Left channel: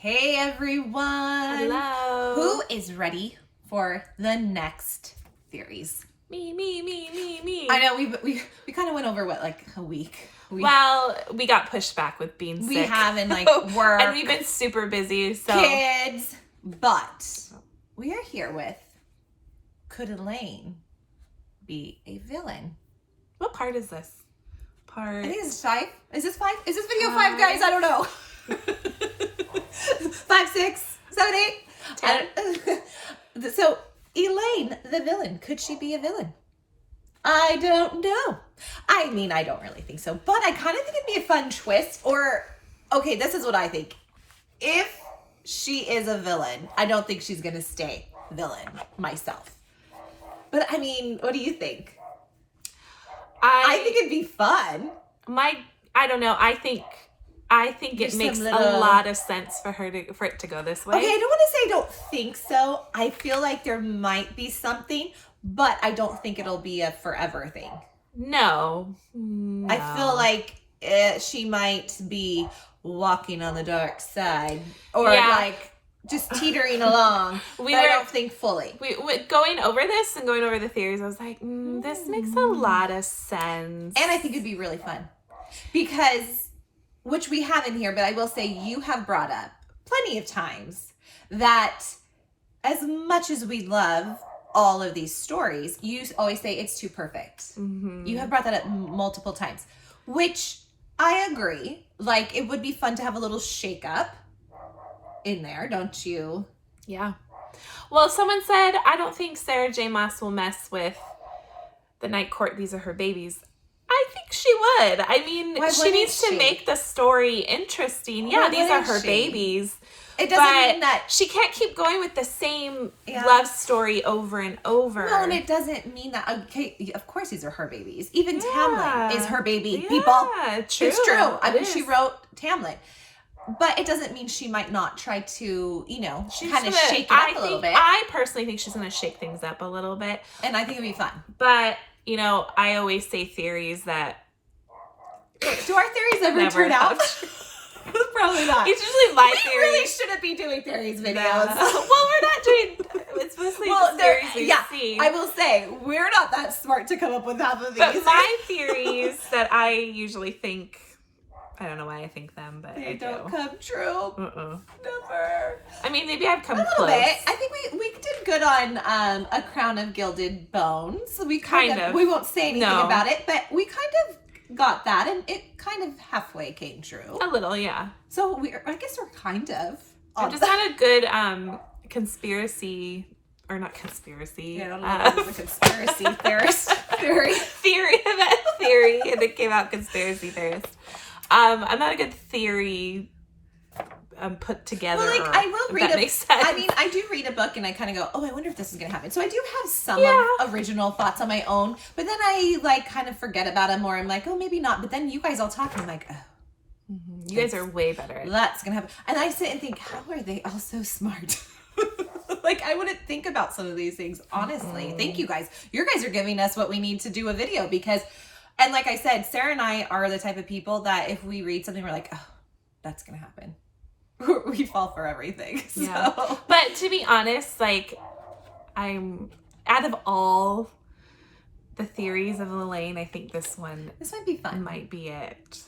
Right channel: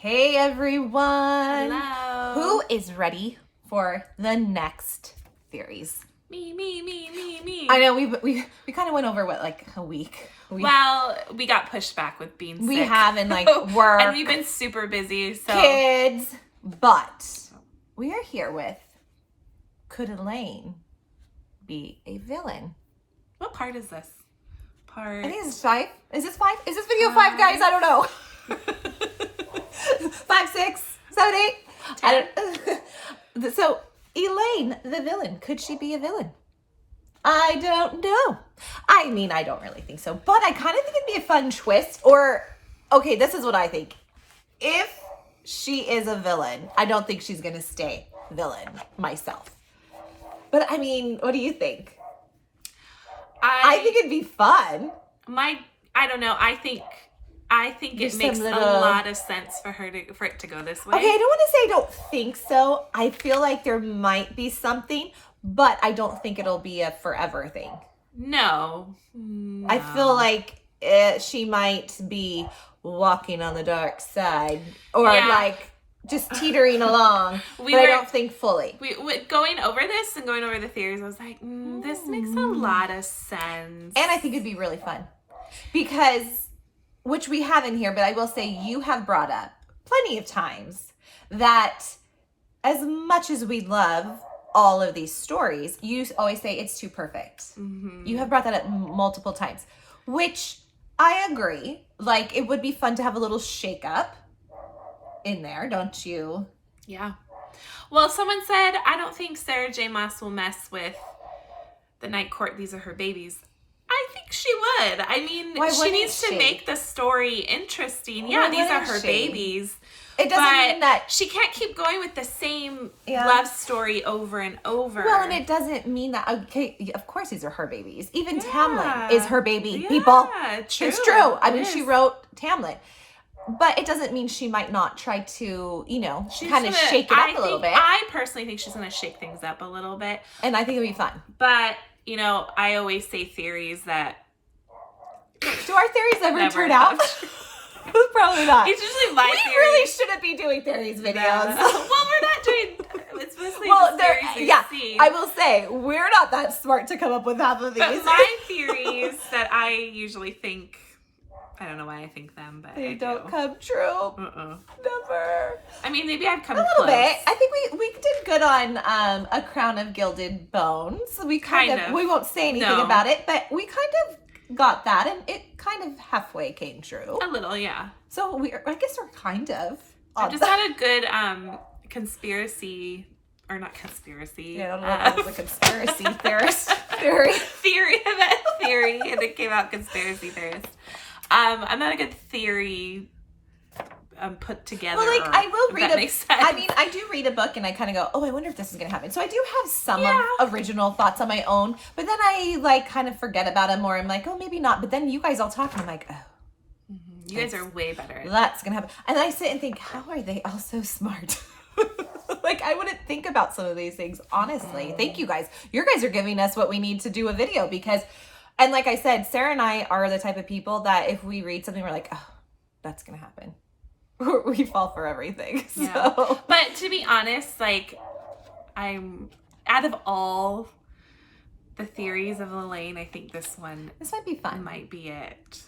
Hey everyone! Hello! Who is ready for the next theories? Me. I know we kind of went over like a week. Well, we got pushed back with being sick. We have in work. And we've been super busy, so. Kids. But we are here with, could Elaine be a villain? What part is this? I think it's 5. Is this 5? Is this video 5, guys? I don't know. 5, 6, 7, 8, 10. So, Elaine, the villain, could she be a villain? I don't know. I mean, I don't really think so, but I kind of think it'd be a fun twist. Or, okay, this is what I think. If she is a villain, I don't think she's gonna stay villain myself. But I mean, what do you think? I think it'd be fun. I don't know. I think it makes a lot of sense for it to go this way. Okay, I don't want to say I don't think so. I feel like there might be something, but I don't think it'll be a forever thing. No. I feel like she might be walking on the dark side, or like just teetering along. I don't think fully. Going over this and going over the theories, I was like, this makes a lot of sense. And I think it'd be really fun because, which we have in here, but I will say you have brought up plenty of times that as much as we love all of these stories, you always say it's too perfect. Mm-hmm. You have brought that up multiple times, which I agree. Like, it would be fun to have a little shake up in there, don't you? Yeah. Well, someone said, I don't think Sarah J. Maas will mess with the Night Court. These are her babies. I think she would. I mean, she needs to make the story interesting. Yeah, these are her babies. It doesn't mean that she can't keep going with the same love story over and over. Well, and it doesn't mean that, okay, of course these are her babies. Even Tamlin is her baby, people. True. It's true. I mean, she wrote Tamlin. But it doesn't mean she might not try to, kind of shake it up a little bit. I personally think she's going to shake things up a little bit. And I think it'd be fun. But, I always say theories that... Do our theories ever turn out? Probably not. It's usually my theories. We really shouldn't be doing theories videos. Well, we're not doing... It's mostly just theories we see. I will say, we're not that smart to come up with half of these. But my theories that I usually think... I don't know why I think them, but they don't come true. Never. I mean, maybe I've come a close. little bit. I think we did good on A Crown of Gilded Bones. We kind of. We won't say anything about it, but we kind of got that, and it kind of halfway came true. A little, yeah. So I guess we're kind of. I just had a good conspiracy. Or not conspiracy. Yeah, I don't know if it was a conspiracy theorist. Theory, and it came out conspiracy theorist. I'm not a good theory put together. Well, I will read makes sense. I mean, I do read a book and I kind of go, I wonder if this is going to happen. So I do have some of original thoughts on my own, but then I kind of forget about them, or I'm like, maybe not. But then you guys all talk and I'm like, you guys are way better. That's going to happen. And I sit and think, how are they all so smart? Like, I wouldn't think about some of these things, honestly. Thank you guys. You guys are giving us what we need to do a video because... And like I said, Sarah and I are the type of people that if we read something, we're like, that's going to happen. We fall for everything. Yeah. So. But to be honest, like, I'm out of all the theories of Elaine, I think this one might be fun. Might be it.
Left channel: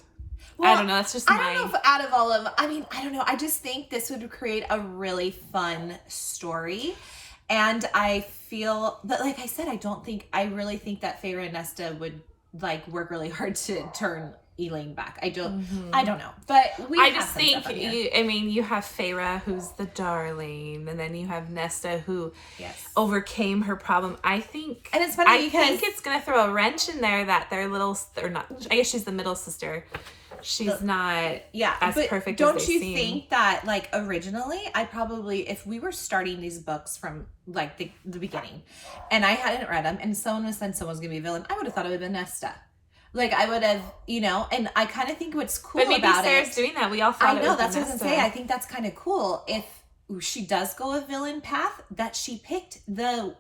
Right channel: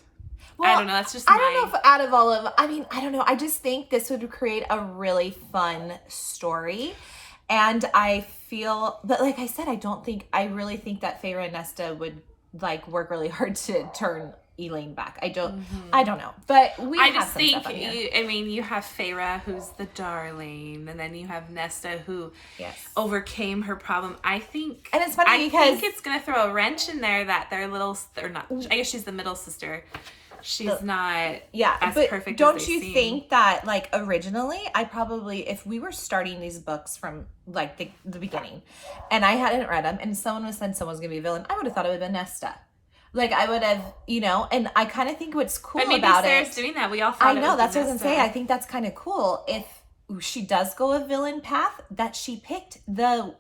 Well, I don't know. That's just I don't know if out of all of, I don't know. I just think this would create a really fun story. And I feel, but like I said, I really think that Feyre and Nesta would work really hard to turn Elaine back. I don't know, but I just think you have Feyre, who's the darling, and then you have Nesta, who overcame her problem. I think, and it's funny because I think it's gonna throw a wrench in there that their little, or not. I guess she's the middle sister. She's not as perfect. Don't you think that originally, I probably, if we were starting these books from the beginning, and I hadn't read them, and someone was saying someone's gonna be a villain, I would have thought it would have been Nesta. I would have, and I kind of think what's cool about it. But maybe Sarah's doing that. We all thought it was that's what I was gonna say. I think that's kind of cool if she does go a villain path, that she picked the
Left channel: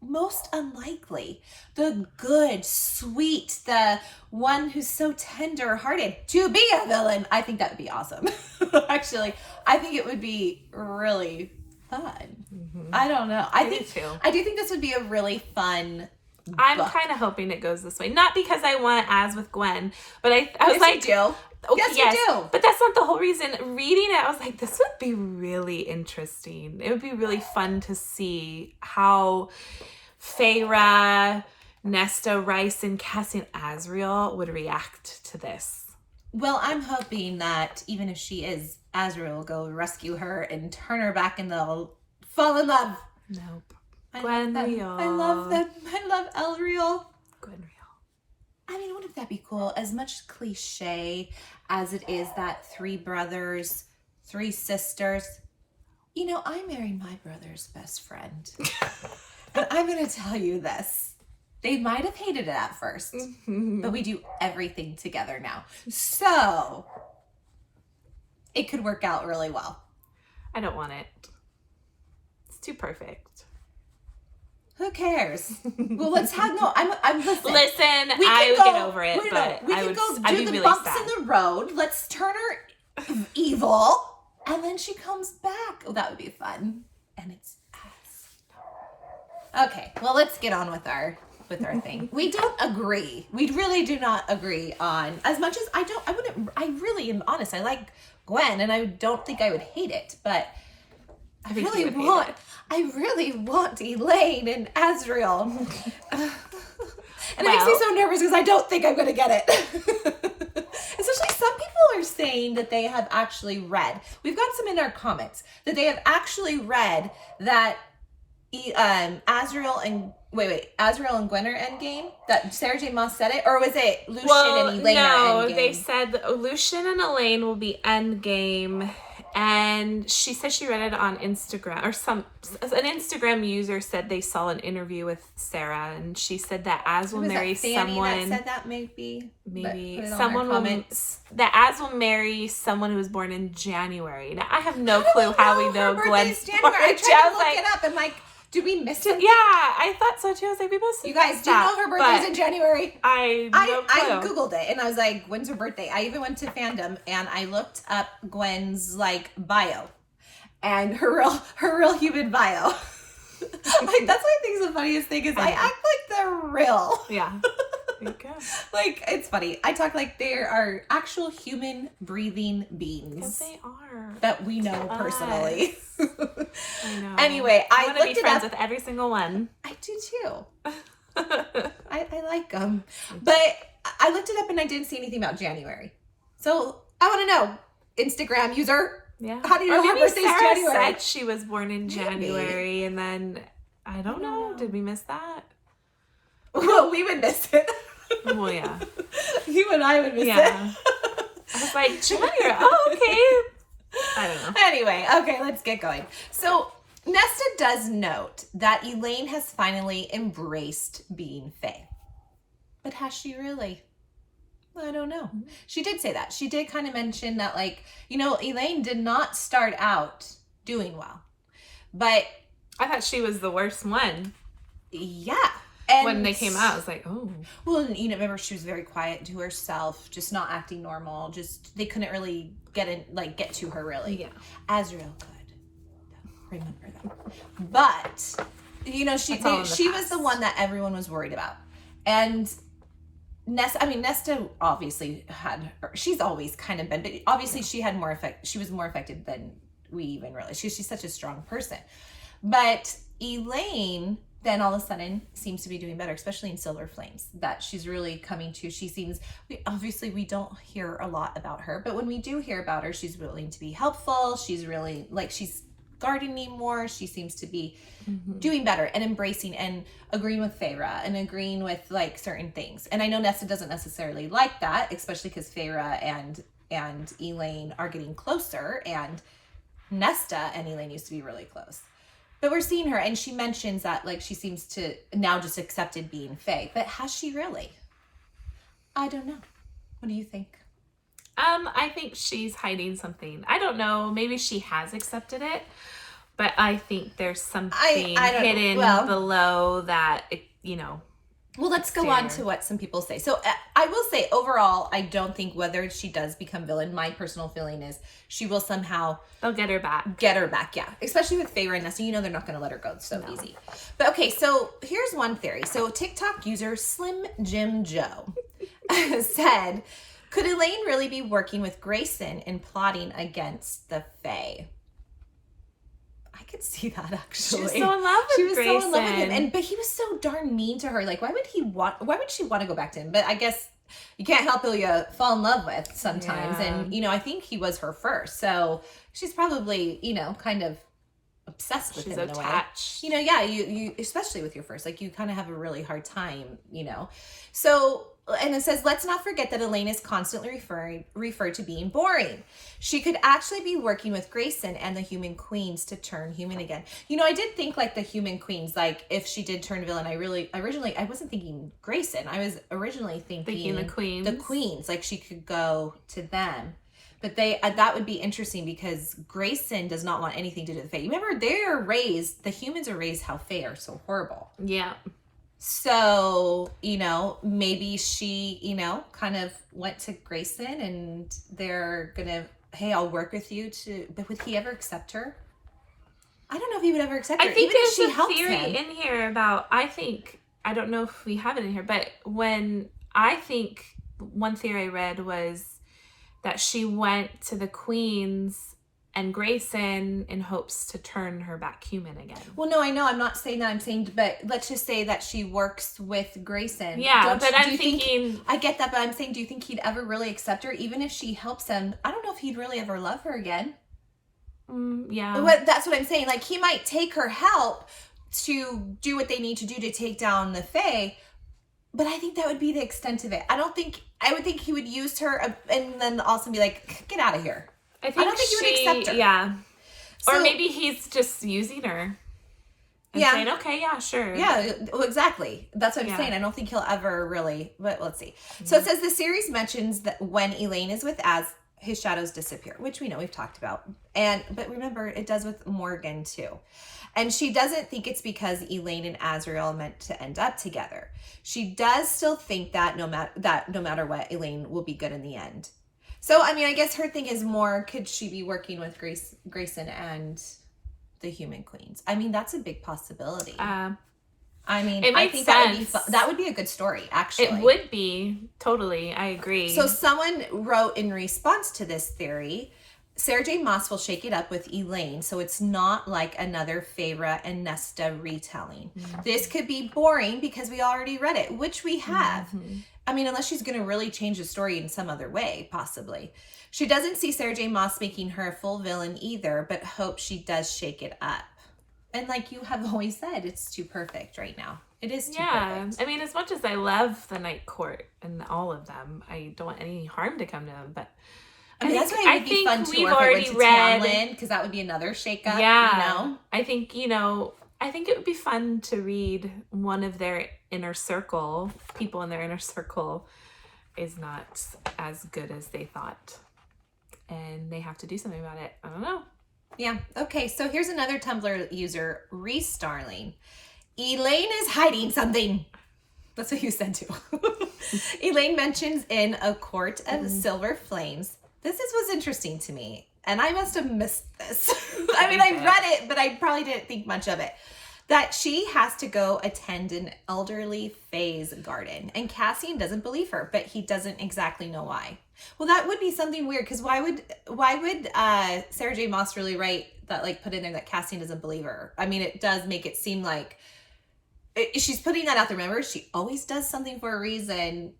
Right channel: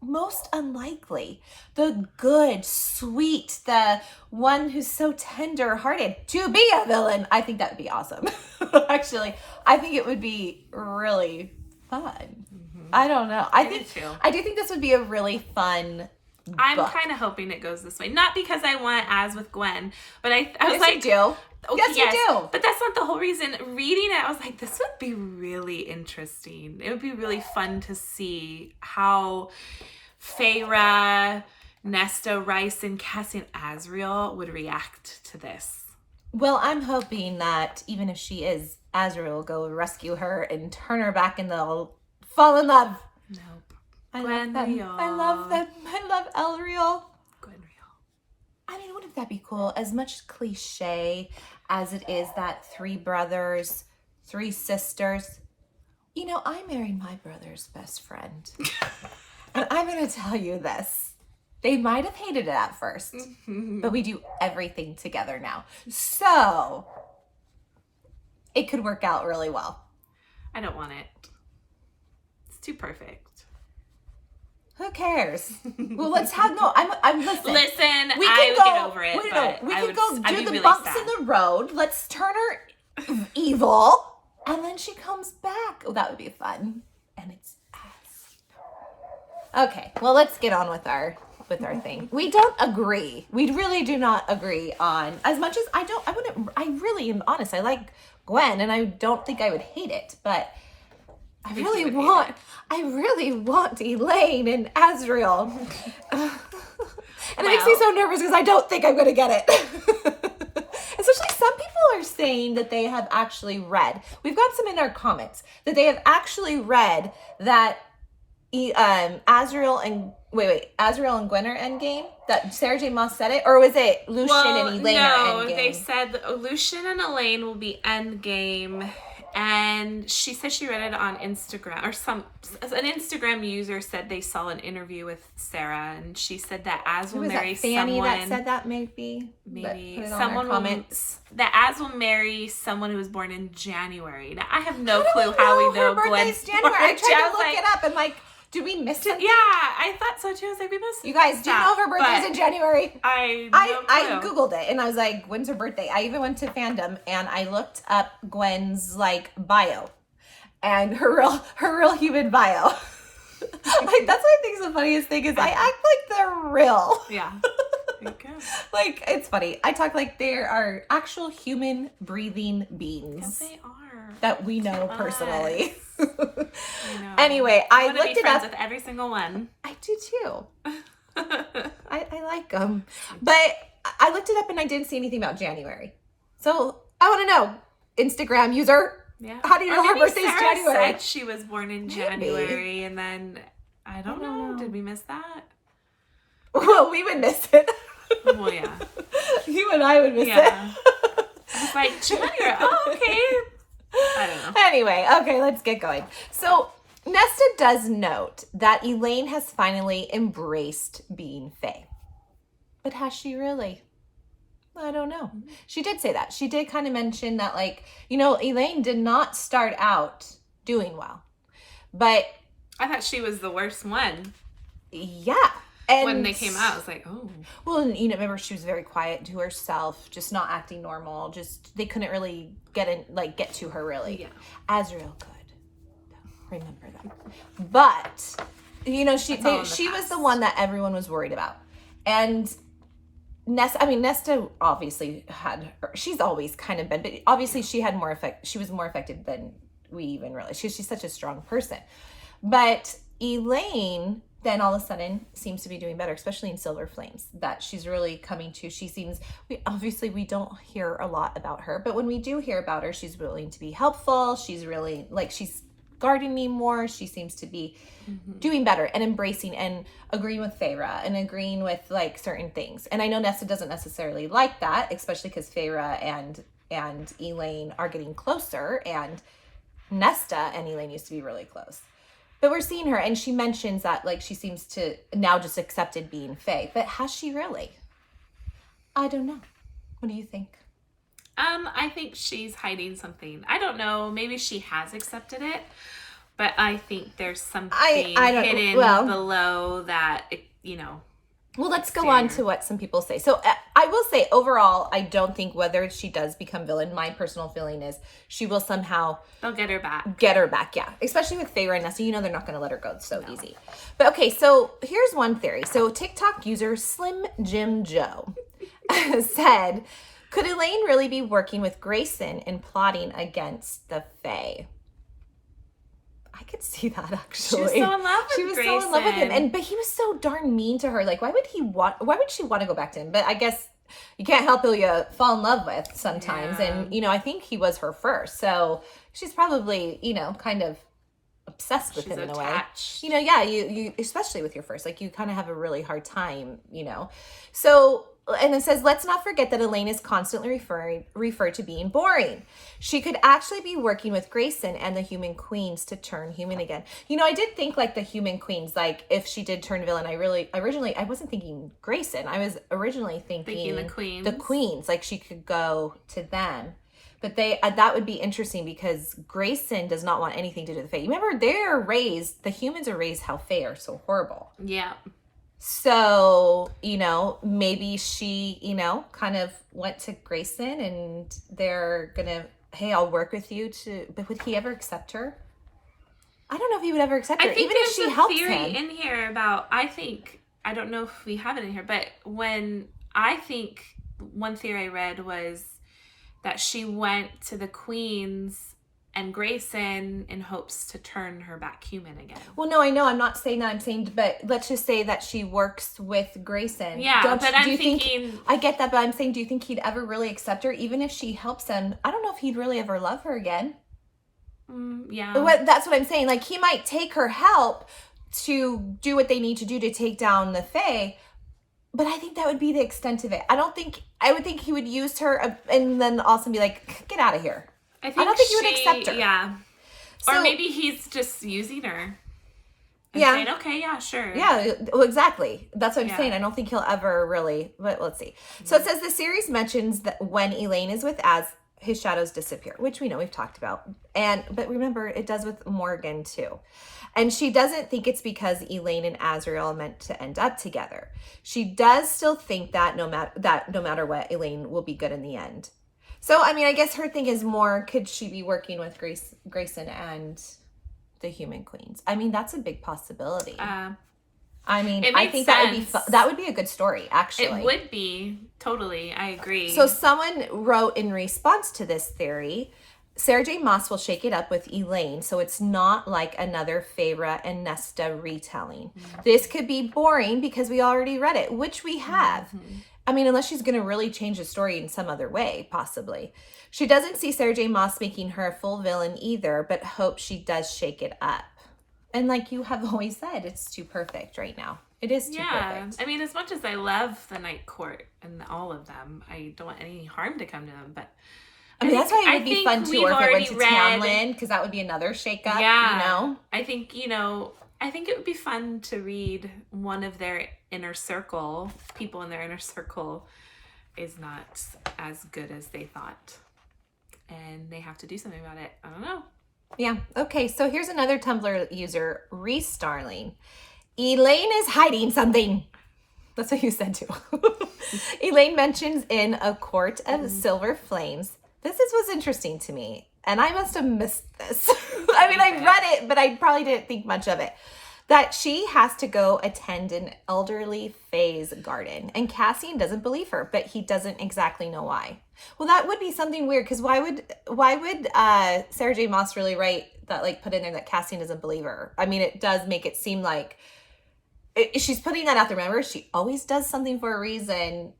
most unlikely. The good, sweet, the one who's so tender-hearted to be a villain. I think that would be awesome. Actually, I think it would be really fun. Mm-hmm. I don't know. I do think this would be a really fun I'm book. kind of hoping it goes this way. Not because I want as with Gwen, but I was yes, like, you do. Okay, yes, you do. But that's not the whole reason. Reading it, I was like, this would be really interesting. It would be really fun to see how Feyre, Nesta, Rice, and Cassie and Asriel would react to this. Well, I'm hoping that even if she is, Asriel will go rescue her and turn her back and they'll fall in love. Nope. I love them. I love Elriel. Gwenriel. I mean, wouldn't that be cool? As much cliche as it is that 3 brothers, 3 sisters. You know, I married my brother's best friend. And I'm going to tell you this. They might have hated it at first, but we do everything together now. So, it could work out really well. I don't want it. It's too perfect. Who cares? Well, let's have I'm listening. Listen, I would get over it, but we can go I'd do be the really bumps sad. in the road. Let's turn her evil, and then she comes back. Oh, that would be fun. And it's us. Okay, well, let's get on with our thing. We don't agree. We really do not agree on as much as I really am honest. I like Gwen, and I don't think I would hate it, but I really want Elaine and Asriel. And it makes me so nervous because I don't think I'm going to get it. Especially some people are saying that they have actually read. We've got some in our comments that they have actually read that Asriel and Gwen are endgame. That Sarah J. Maas said it, or was it Lucian and Elaine are endgame? No, they said that Lucian and Elaine will be endgame. And she said she read it on Instagram, or an Instagram user said they saw an interview with Sarah, and she said that Az will marry someone. That said that maybe someone that Az will marry someone who was born in January. Now I have no clue how we know Gwen's January. I tried to look it up and did we miss something? Yeah, I thought so too. I was like, we must. You guys do know her birthday's in January. I Googled it and I was like, when's her birthday? I even went to fandom and I looked up Gwen's bio, and her real human bio. That's what I think is the funniest thing is I act like they're real. Yeah. There you go. It's funny. I talk like there are actual human breathing beings. Because they are. That we know personally. I know. Anyway, I want to be friends with every single one. I do too. I like them. But I looked it up and I didn't see anything about January. So I want to know, Instagram user. Yeah. How do you know her birthday's January? Said she was born in January, and then I don't know. Did we miss that? Well, we would miss it. Well, yeah. You and I would miss it. I was like, January. Oh, okay. I don't know. Anyway, okay, let's get going. So, Nesta does note that Elaine has finally embraced being Fae. But has she really? I don't know. She did say that. She did kind of mention that, Elaine did not start out doing well. But I thought she was the worst one. Yeah. And when they came out, I was like, oh. Well, remember she was very quiet to herself, just not acting normal. They couldn't really get to her really. Yeah. Asriel could. Remember that. But, she was the one that everyone was worried about. And Nesta obviously she's always kind of been, but obviously she had more effect. She was more affected than we even realized. She's such a strong person. But Elaine then all of a sudden seems to be doing better, especially in Silver Flames, that she's really coming to. We don't hear a lot about her, but when we do hear about her, she's willing to be helpful. She's really, she's gardening more. She seems to be doing better and embracing and agreeing with Feyre and agreeing with, certain things. And I know Nesta doesn't necessarily like that, especially because Feyre and Elaine are getting closer, and Nesta and Elaine used to be really close. But we're seeing her, and she mentions that, she seems to now just accepted being Fae. But has she really? I don't know. What do you think? I think she's hiding something. I don't know. Maybe she has accepted it. But I think there's something hidden below that, Well, let's go on to what some people say. So I will say, overall, I don't think whether she does become villain, my personal feeling is she will somehow... They'll get her back. Yeah. Especially with Faye right now. So they're not going to let her go so easy. But okay, so here's one theory. So TikTok user Slim Jim Joe said, could Elaine really be working with Grayson and plotting against the Fae? I could see that, actually. She was so in love with Grayson. So in love with him. But he was so darn mean to her. Like, why would she want to go back to him? But I guess you can't help who you fall in love with sometimes. Yeah. And, I think he was her first. So she's probably, kind of obsessed with him in a way. You especially with your first, like, you kind of have a really hard time, So... And it says, let's not forget that Elaine is constantly referred to being boring. She could actually be working with Grayson and the human queens to turn human again. I did think like the human queens, like if she did turn villain, I wasn't thinking Grayson. I was originally thinking the queens, like she could go to them. But that would be interesting because Grayson does not want anything to do with the Fae. Remember, the humans are raised how Fae are so horrible. Yeah. So, maybe she, kind of went to Grayson and they're gonna, hey, I'll work with you but would he ever accept her? I don't know if he would ever accept her. I think even if she helps theory him. In here about, I don't know if we have it in here, but one theory I read was that she went to the queens and Grayson in hopes to turn her back human again. Well, no, I know. I'm not saying that. I'm saying, but let's just say that she works with Grayson. Yeah, I'm thinking... I get that, but I'm saying, do you think he'd ever really accept her? Even if she helps him, I don't know if he'd really ever love her again. Yeah. That's what I'm saying. Like, he might take her help to do what they need to do to take down the Fae, but I think that would be the extent of it. I would think he would use her and then also be like, get out of here. I don't think he would accept her. Yeah. Or maybe he's just using her. And saying, okay, yeah, sure. Yeah, well, exactly. That's what I'm saying. I don't think he'll ever really, but let's see. Mm-hmm. So it says the series mentions that when Elaine is with Az, his shadows disappear, which we know we've talked about. But remember, it does with Morgan too. And she doesn't think it's because Elaine and Asriel are meant to end up together. She does still think that no matter what, Elaine will be good in the end. So, I mean, I guess her thing is more, could she be working with Grayson and the human queens? I mean, that's a big possibility. I think that would be a good story, actually. It would be. Totally. I agree. So someone wrote in response to this theory, Sarah J. Maas will shake it up with Elaine, so it's not like another Feyre and Nesta retelling. Mm-hmm. This could be boring because we already read it, which we have. Mm-hmm. I mean, unless she's going to really change the story in some other way, possibly. She doesn't see Sarah J. Maas making her a full villain either, but hopes she does shake it up. And like you have always said, it's too perfect right now. It is too perfect. I mean, as much as I love the Night Court and all of them, I don't want any harm to come to them, but I mean, that's why it would be fun too, if it went to Tamlin, because that would be another shake-up, Yeah. I think it would be fun to read one of their inner circle, people in their inner circle is not as good as they thought. And they have to do something about it. I don't know. Yeah. Okay, so here's another Tumblr user, Reese Starling. Elaine is hiding something. That's what you said too. Elaine mentions in A Court of Silver Flames. This was interesting to me, and I must have missed this. I mean, I read it, but I probably didn't think much of it. That she has to go attend an elderly Fae's garden, and Cassian doesn't believe her, but he doesn't exactly know why. Well, that would be something weird, because why would Sarah J. Maas really write that, like, put in there that Cassian doesn't believe her? I mean, it does make it seem like she's putting that out there. Remember, she always does something for a reason.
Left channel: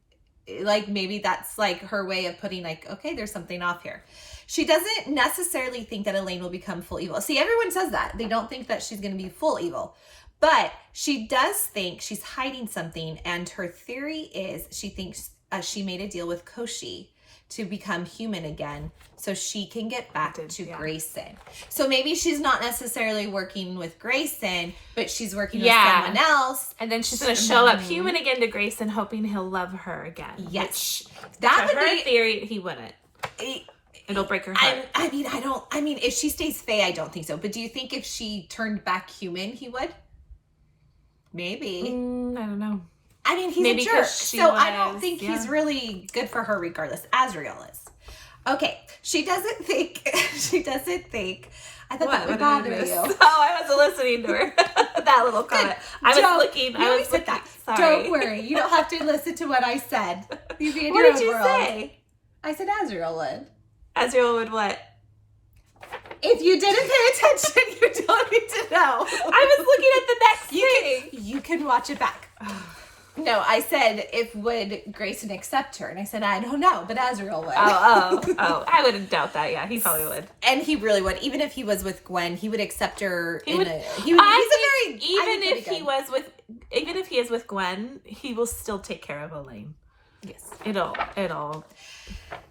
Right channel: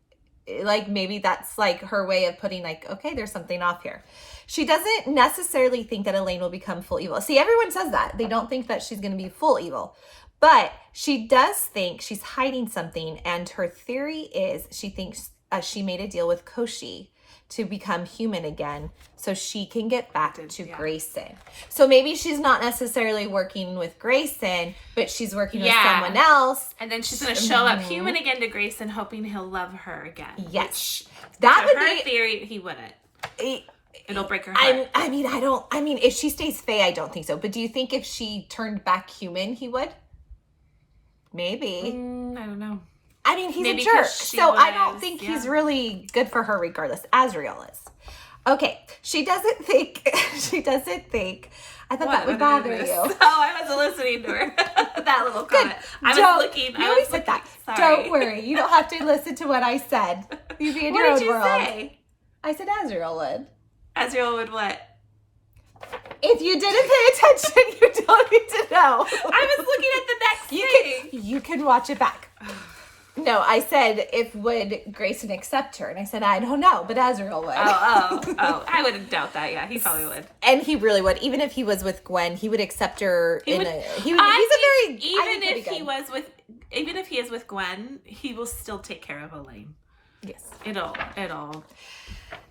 Like, maybe that's like her way of putting, like, okay, there's something off here. She doesn't necessarily think that Elaine will become full evil. See, everyone says that. They don't think that she's going to be full evil. But she does think she's hiding something. And her theory is she thinks she made a deal with Koshi to become human again so she can get back to Grayson. So maybe she's not necessarily working with Grayson, but she's working with someone else. And then she's going to show up human again to Grayson, hoping he'll love her again. Yes. That would be her theory. He wouldn't. It'll break her heart. I mean, if she stays Fae, I don't think so. But do you think if she turned back human, he would? Maybe. I don't know. I mean, he's Maybe a jerk, so I don't think he's really good for her regardless. Asriel is. Okay, she doesn't think, I thought that would bother you. Oh, I wasn't listening to her. That little comment. I was looking. That. Sorry. Don't worry. You don't have to listen to what I said. You be in what your did you world. say? I said Asriel would. Asriel would what? If you didn't pay attention, you don't need to know. I was looking at the next thing. You can watch it back. No, I said, if would Grayson accept her? And I said, I don't know, but Asriel would. Oh. I wouldn't doubt that. Yeah, he probably would. And he really would. Even if he was with Gwen, he would accept her. Even if he is with Gwen, he will still take care of Elaine. Yes. It'll.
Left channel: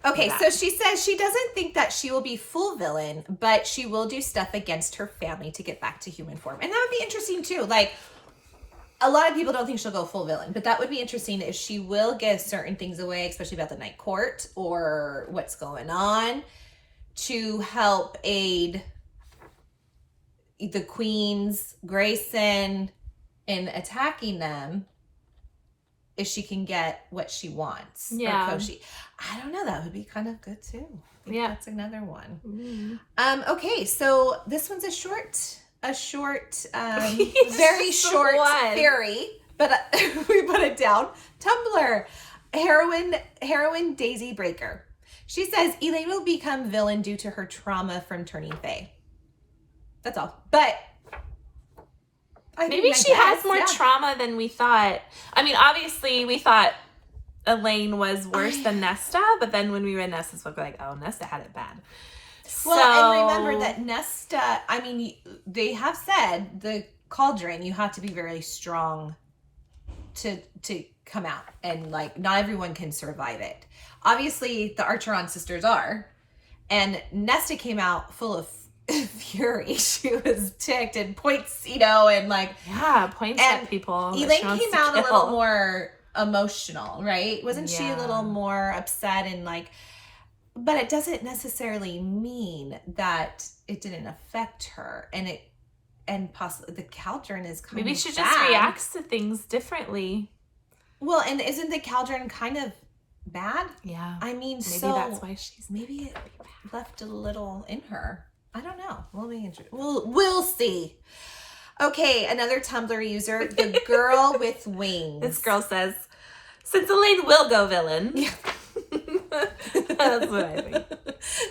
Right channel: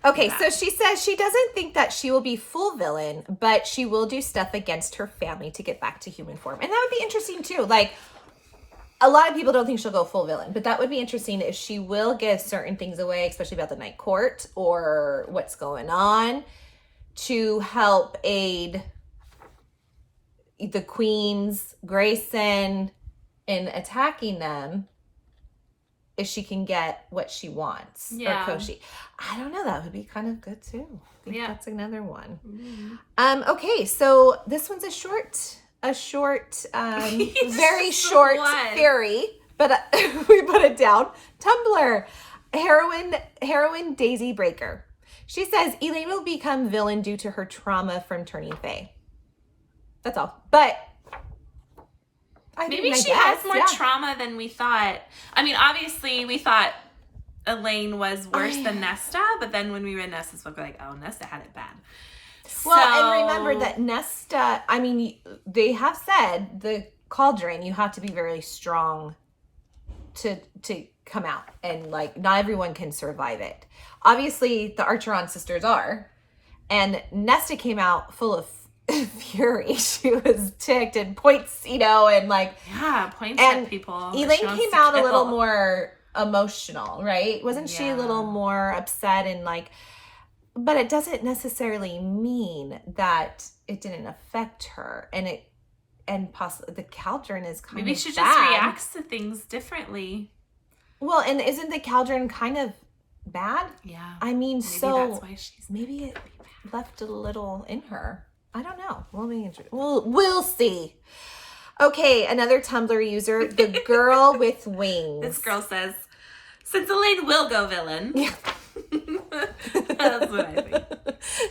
Okay, so she says she doesn't think that she will be full villain, but she will do stuff against her family to get back to human form. And that would be interesting too. Like, a lot of people don't think she'll go full villain, but that would be interesting if she will give certain things away, especially about the Night Court or what's going on, to help aid the queens, Grayson, in attacking them. If she can get what she wants. Yeah. Or Koshi. I don't know. That would be kind of good too. I think that's another one. Mm-hmm. Okay, so this one's a short, very short theory, but we put it down. Tumblr, heroine Daisy Breaker. She says Elaine will become villain due to her trauma from turning Fae. That's all. But maybe she has more trauma than we thought. I mean, obviously, we thought Elaine was worse than Nesta, but then when we read Nesta's book, we're like, oh, Nesta had it bad. Well, and remember that Nesta, I mean, they have said the cauldron, you have to be very strong to come out. And, like, not everyone can survive it. Obviously, the Archeron sisters are. And Nesta came out full of fury. She was ticked and points, and like points at people. Elaine came out a little more emotional, right? Wasn't she a little more upset and like? But it doesn't necessarily mean that it didn't affect her, and possibly the cauldron is kind maybe of she bad. just reacts to things differently. Well, and isn't the cauldron kind of bad? Yeah, I mean, maybe that's why maybe it left a little in her. I don't know. We'll see. Okay, another Tumblr user, the girl with wings. This girl says, since Elaine will go villain. Yeah. That's what I think.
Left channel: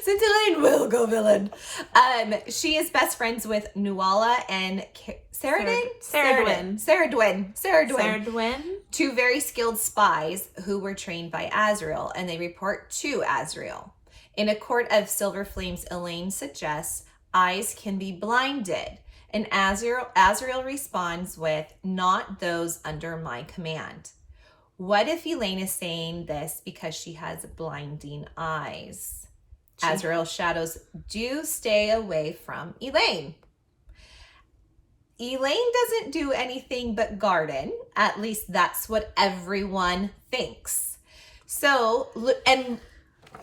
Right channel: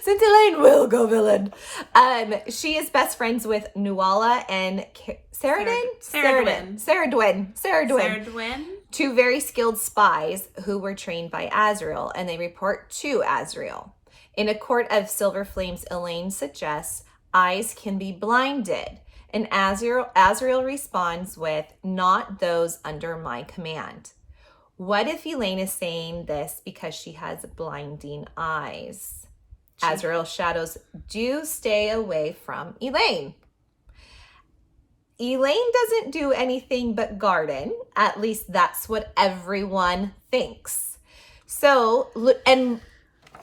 Since Elaine will go villain. She is best friends with Nuala and Sarah Dwyn. Two very skilled spies who were trained by Asriel, and they report to Asriel. In a court of silver flames, Elaine suggests eyes can be blinded, and Asriel responds with, not those under my command. What if Elaine is saying this because she has blinding eyes? Asriel shadows do stay away from Elaine. Elaine doesn't do anything but garden. At least that's what everyone thinks. So, and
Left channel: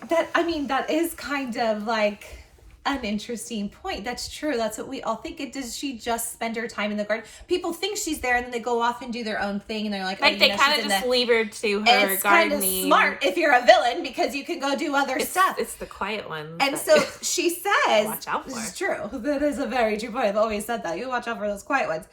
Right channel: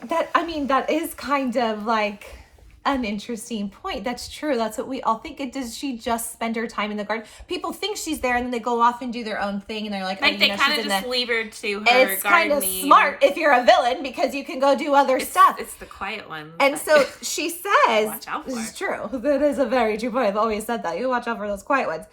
that is kind of like an interesting point. That's true. That's what we all think. Does she just spend her time in the garden? People think she's there and then they go off and do their own thing and they're like, they kind of just leave her to her it's gardening. It's kind of smart if you're a villain because you can go do other stuff. It's the quiet ones. And so she says, watch out for. It's true. That is a very true point. I've always said that. You watch out for those quiet ones.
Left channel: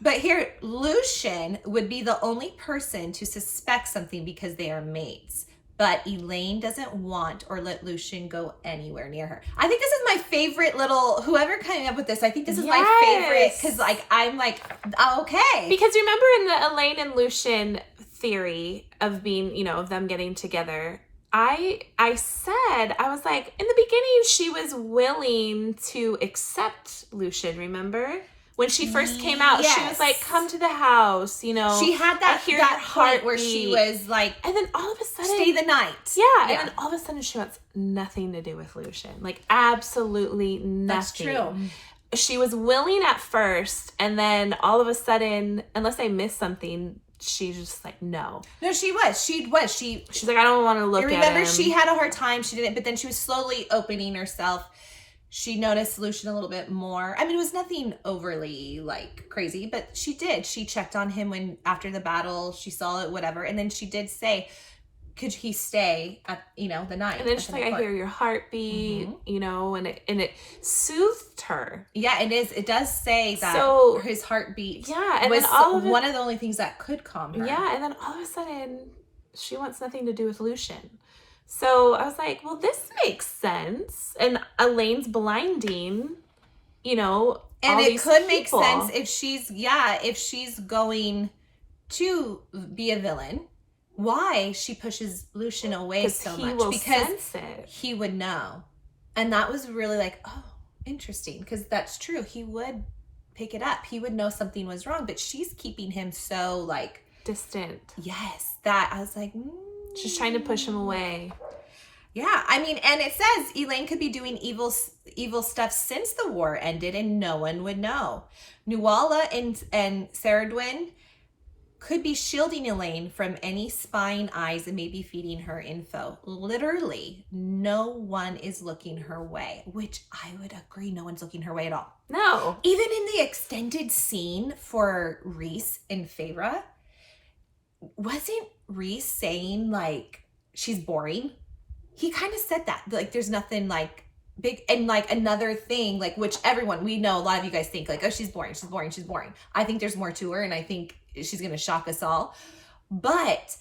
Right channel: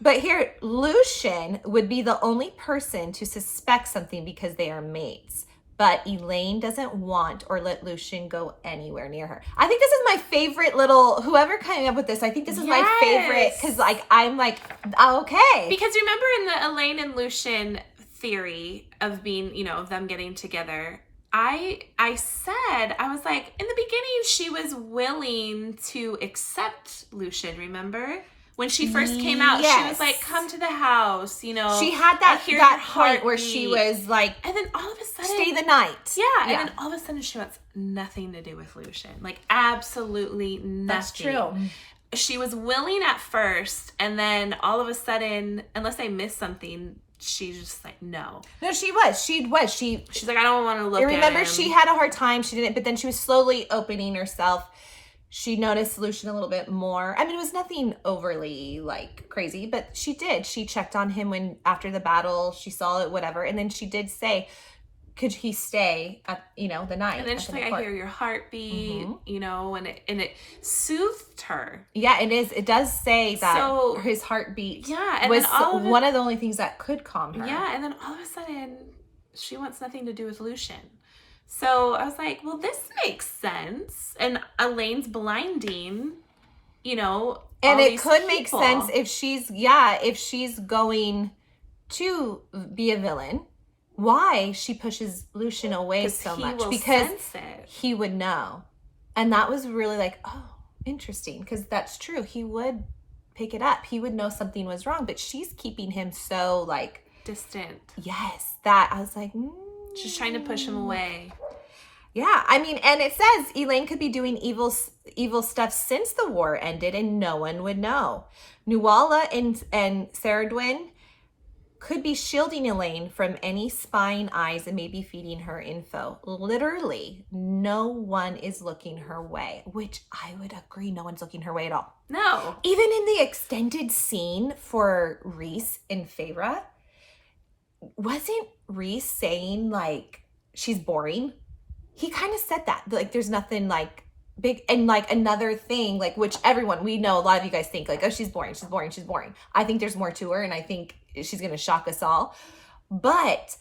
But here, Lucian would be the only person to suspect something because they are mates. But Elaine doesn't want or let Lucian go anywhere near her. I think this is my favorite little, whoever came up with this, I think this is my favorite because like, I'm like, okay. Because remember in the Elaine and Lucian theory of being, of them getting together, I was like, in the beginning, she was willing to accept Lucian, remember? When she first came out, she was like, come to the house, She had that point where she was like, and then all of a sudden, stay the night. Yeah, and then all of a sudden she wants nothing to do with Lucian. Like, absolutely nothing. That's true. She was willing at first, and then all of a sudden, unless I missed something, she's just like, no. No, she was. She's like, I don't want to look at him. Remember, she had a hard time. She didn't, but then she was slowly opening herself. She noticed Lucian a little bit more. I mean, it was nothing overly, like, crazy, but she did. She checked on him when, after the battle, she saw it, whatever. And then she did say, could he stay at, the night? And then she's like, I hear your heartbeat, and it soothed her. Yeah, it is. It does say that his heartbeat and was then one of the only things that could calm her. Yeah, and then all of a sudden, she wants nothing to do with Lucian. So I was like, well, this makes sense. And Elaine's blinding, and it could make sense if she's going to be a villain. Why she pushes Lucian away so much? Because he would know. And that was really like, oh, interesting. Because that's true. He would pick it up. He would know something was wrong. But she's keeping him so, like... distant. Yes. That, I was like... She's trying to push him away. Yeah. I mean, and it says Elaine could be doing evil stuff since the war ended and no one would know. Nuala and Saradwin could be shielding Elaine from any spying eyes and maybe feeding her info. Literally, no one is looking her way, which I would agree, no one's looking her way at all. No. Even in the extended scene for Rhys and Feyre, wasn't Rhys saying, like, she's boring? He kind of said that. Like, there's nothing, like, big. And, like, another thing, like, which we know, a lot of you guys think, like, oh, she's boring. I think there's more to her, and I think she's going to shock us all. But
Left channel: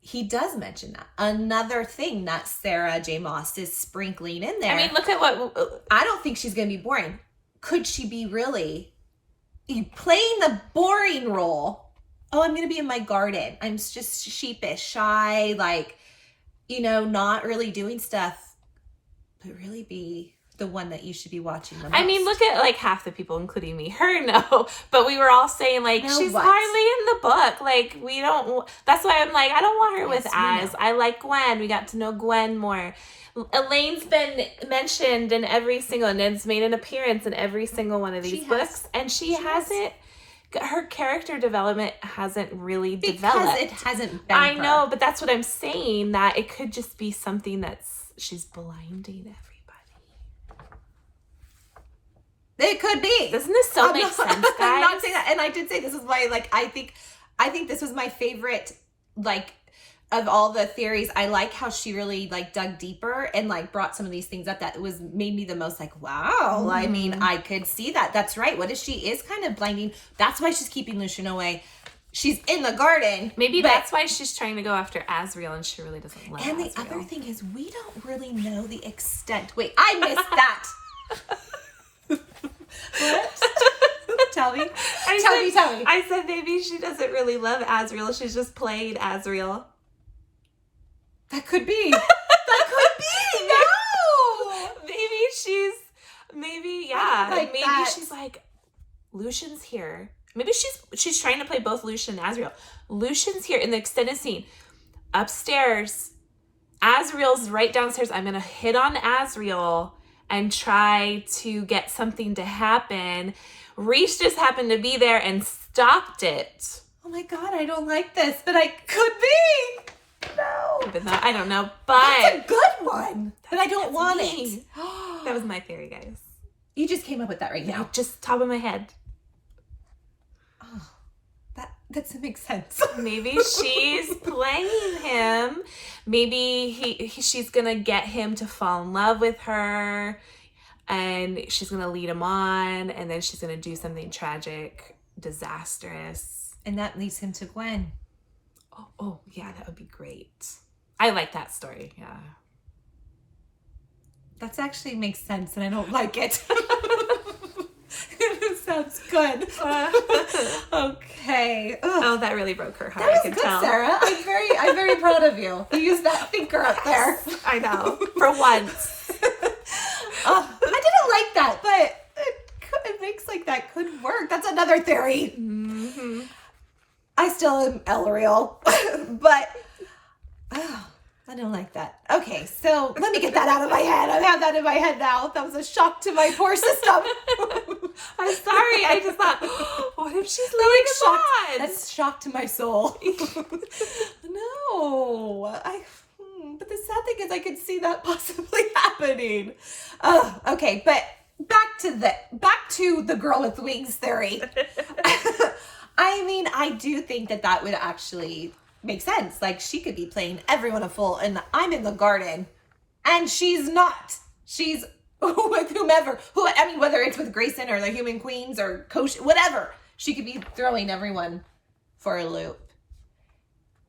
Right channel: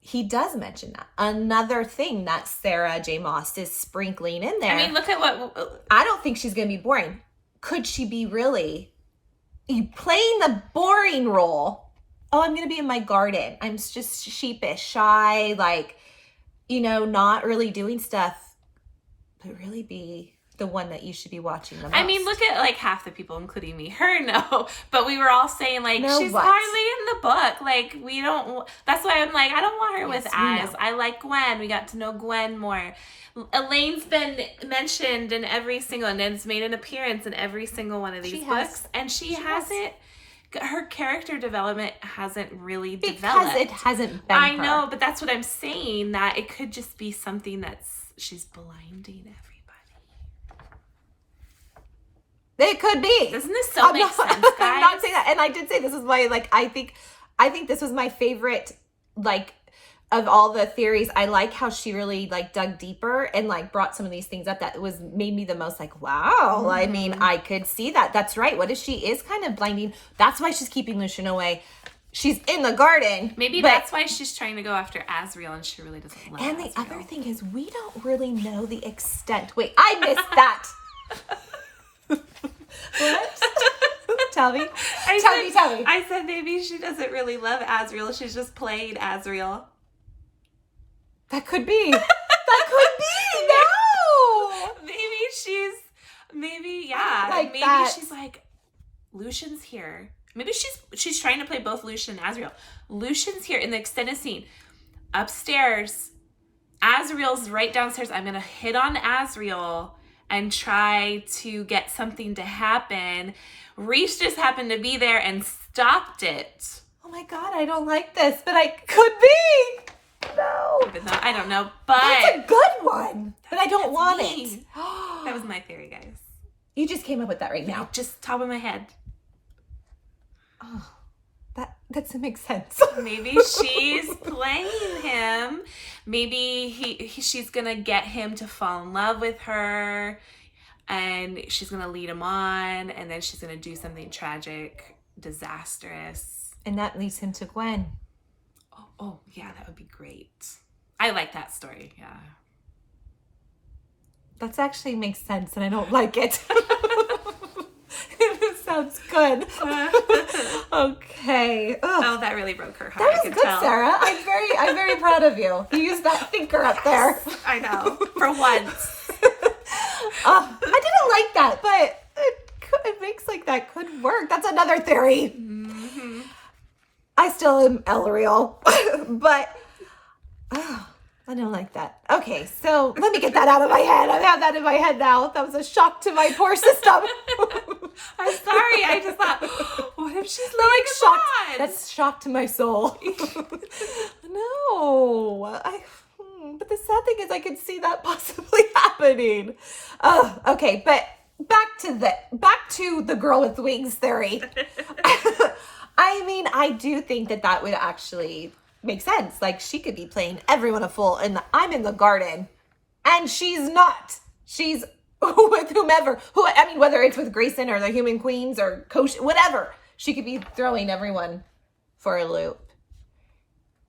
he does mention that. Another thing that Sarah J. Maas is sprinkling in there. I mean, look at what... I don't think she's going to be boring. Could she be really playing the boring role? Oh, I'm going to be in my garden. I'm just sheepish, shy, like, not really doing stuff. But really be the one that you should be watching the most. I mean, look at, like, half the people, including me. Her, no. But we were all saying, like, she's hardly in the book. Like, we don't... That's why I'm like, I don't want her with Az. I like Gwen. We got to know Gwen more. Elaine's been mentioned in every single... And it's made an appearance in every single one of these books. And she hasn't... Her character development hasn't really developed. Because it hasn't been I know, but that's what I'm saying. That it could just be something that's... She's blinding everybody. It could be. Doesn't this make sense, guys? I'm not saying that. And I did say this is my, like, I think this was my favorite, like, of all the theories. I like how she really, like, dug deeper and, like, brought some of these things up that made me the most, like, wow. Mm-hmm. I mean, I could see that. That's right. What if she is kind of blinding? That's why she's keeping Lucian away. She's in the garden. Maybe that's why she's trying to go after Asriel and she really doesn't love Asriel. And the other thing is, we don't really know the extent. Wait, I missed that. What? Tell me. Tell me. I said maybe she doesn't really love Asriel. She's just playing Asriel. That could be. No. Maybe she's like, Lucian's here. Maybe she's trying to play both Lucian and Asriel. Lucian's here in the extended scene. Upstairs. Asriel's right downstairs. I'm going to hit on Asriel and try to get something to happen. Rhys just happened to be there and stopped it. Oh my God, I don't like this, but I could be. No. Even though, I don't know, but... That's a good one, but I don't want it. That was my theory, guys. You just came up with that right now. Just top of my head. Oh, that doesn't make sense. Maybe she's playing him. Maybe she's gonna get him to fall in love with her, and she's gonna lead him on, and then she's gonna do something tragic, disastrous, and that leads him to Gwen. Oh yeah, that would be great. I like that story. Yeah, that actually makes sense, and I don't like it. It sounds good. Okay. Ugh. Oh, that really broke her heart. That was good, tell. Sarah. I'm very proud of you. You used that thinker up there. I know. For once. I didn't like that, but it makes like that could work. That's another theory. Mm-hmm. I still am Elriel, but I don't like that. Okay, so let me get that out of my head. I've had that in my head now. That was a shock to my poor system. I'm sorry. I just thought, what if she's laying a shocked. pod? That's shock to my soul. No. But the sad thing is I could see that possibly happening. Okay, but back to the girl with wings theory. I mean, I do think that would actually make sense. Like, she could be playing everyone a fool, and I'm in the garden, and she's not. She's with whomever. Whether it's with Grayson or the Human Queens or Coach, whatever. She could be throwing everyone for a loop.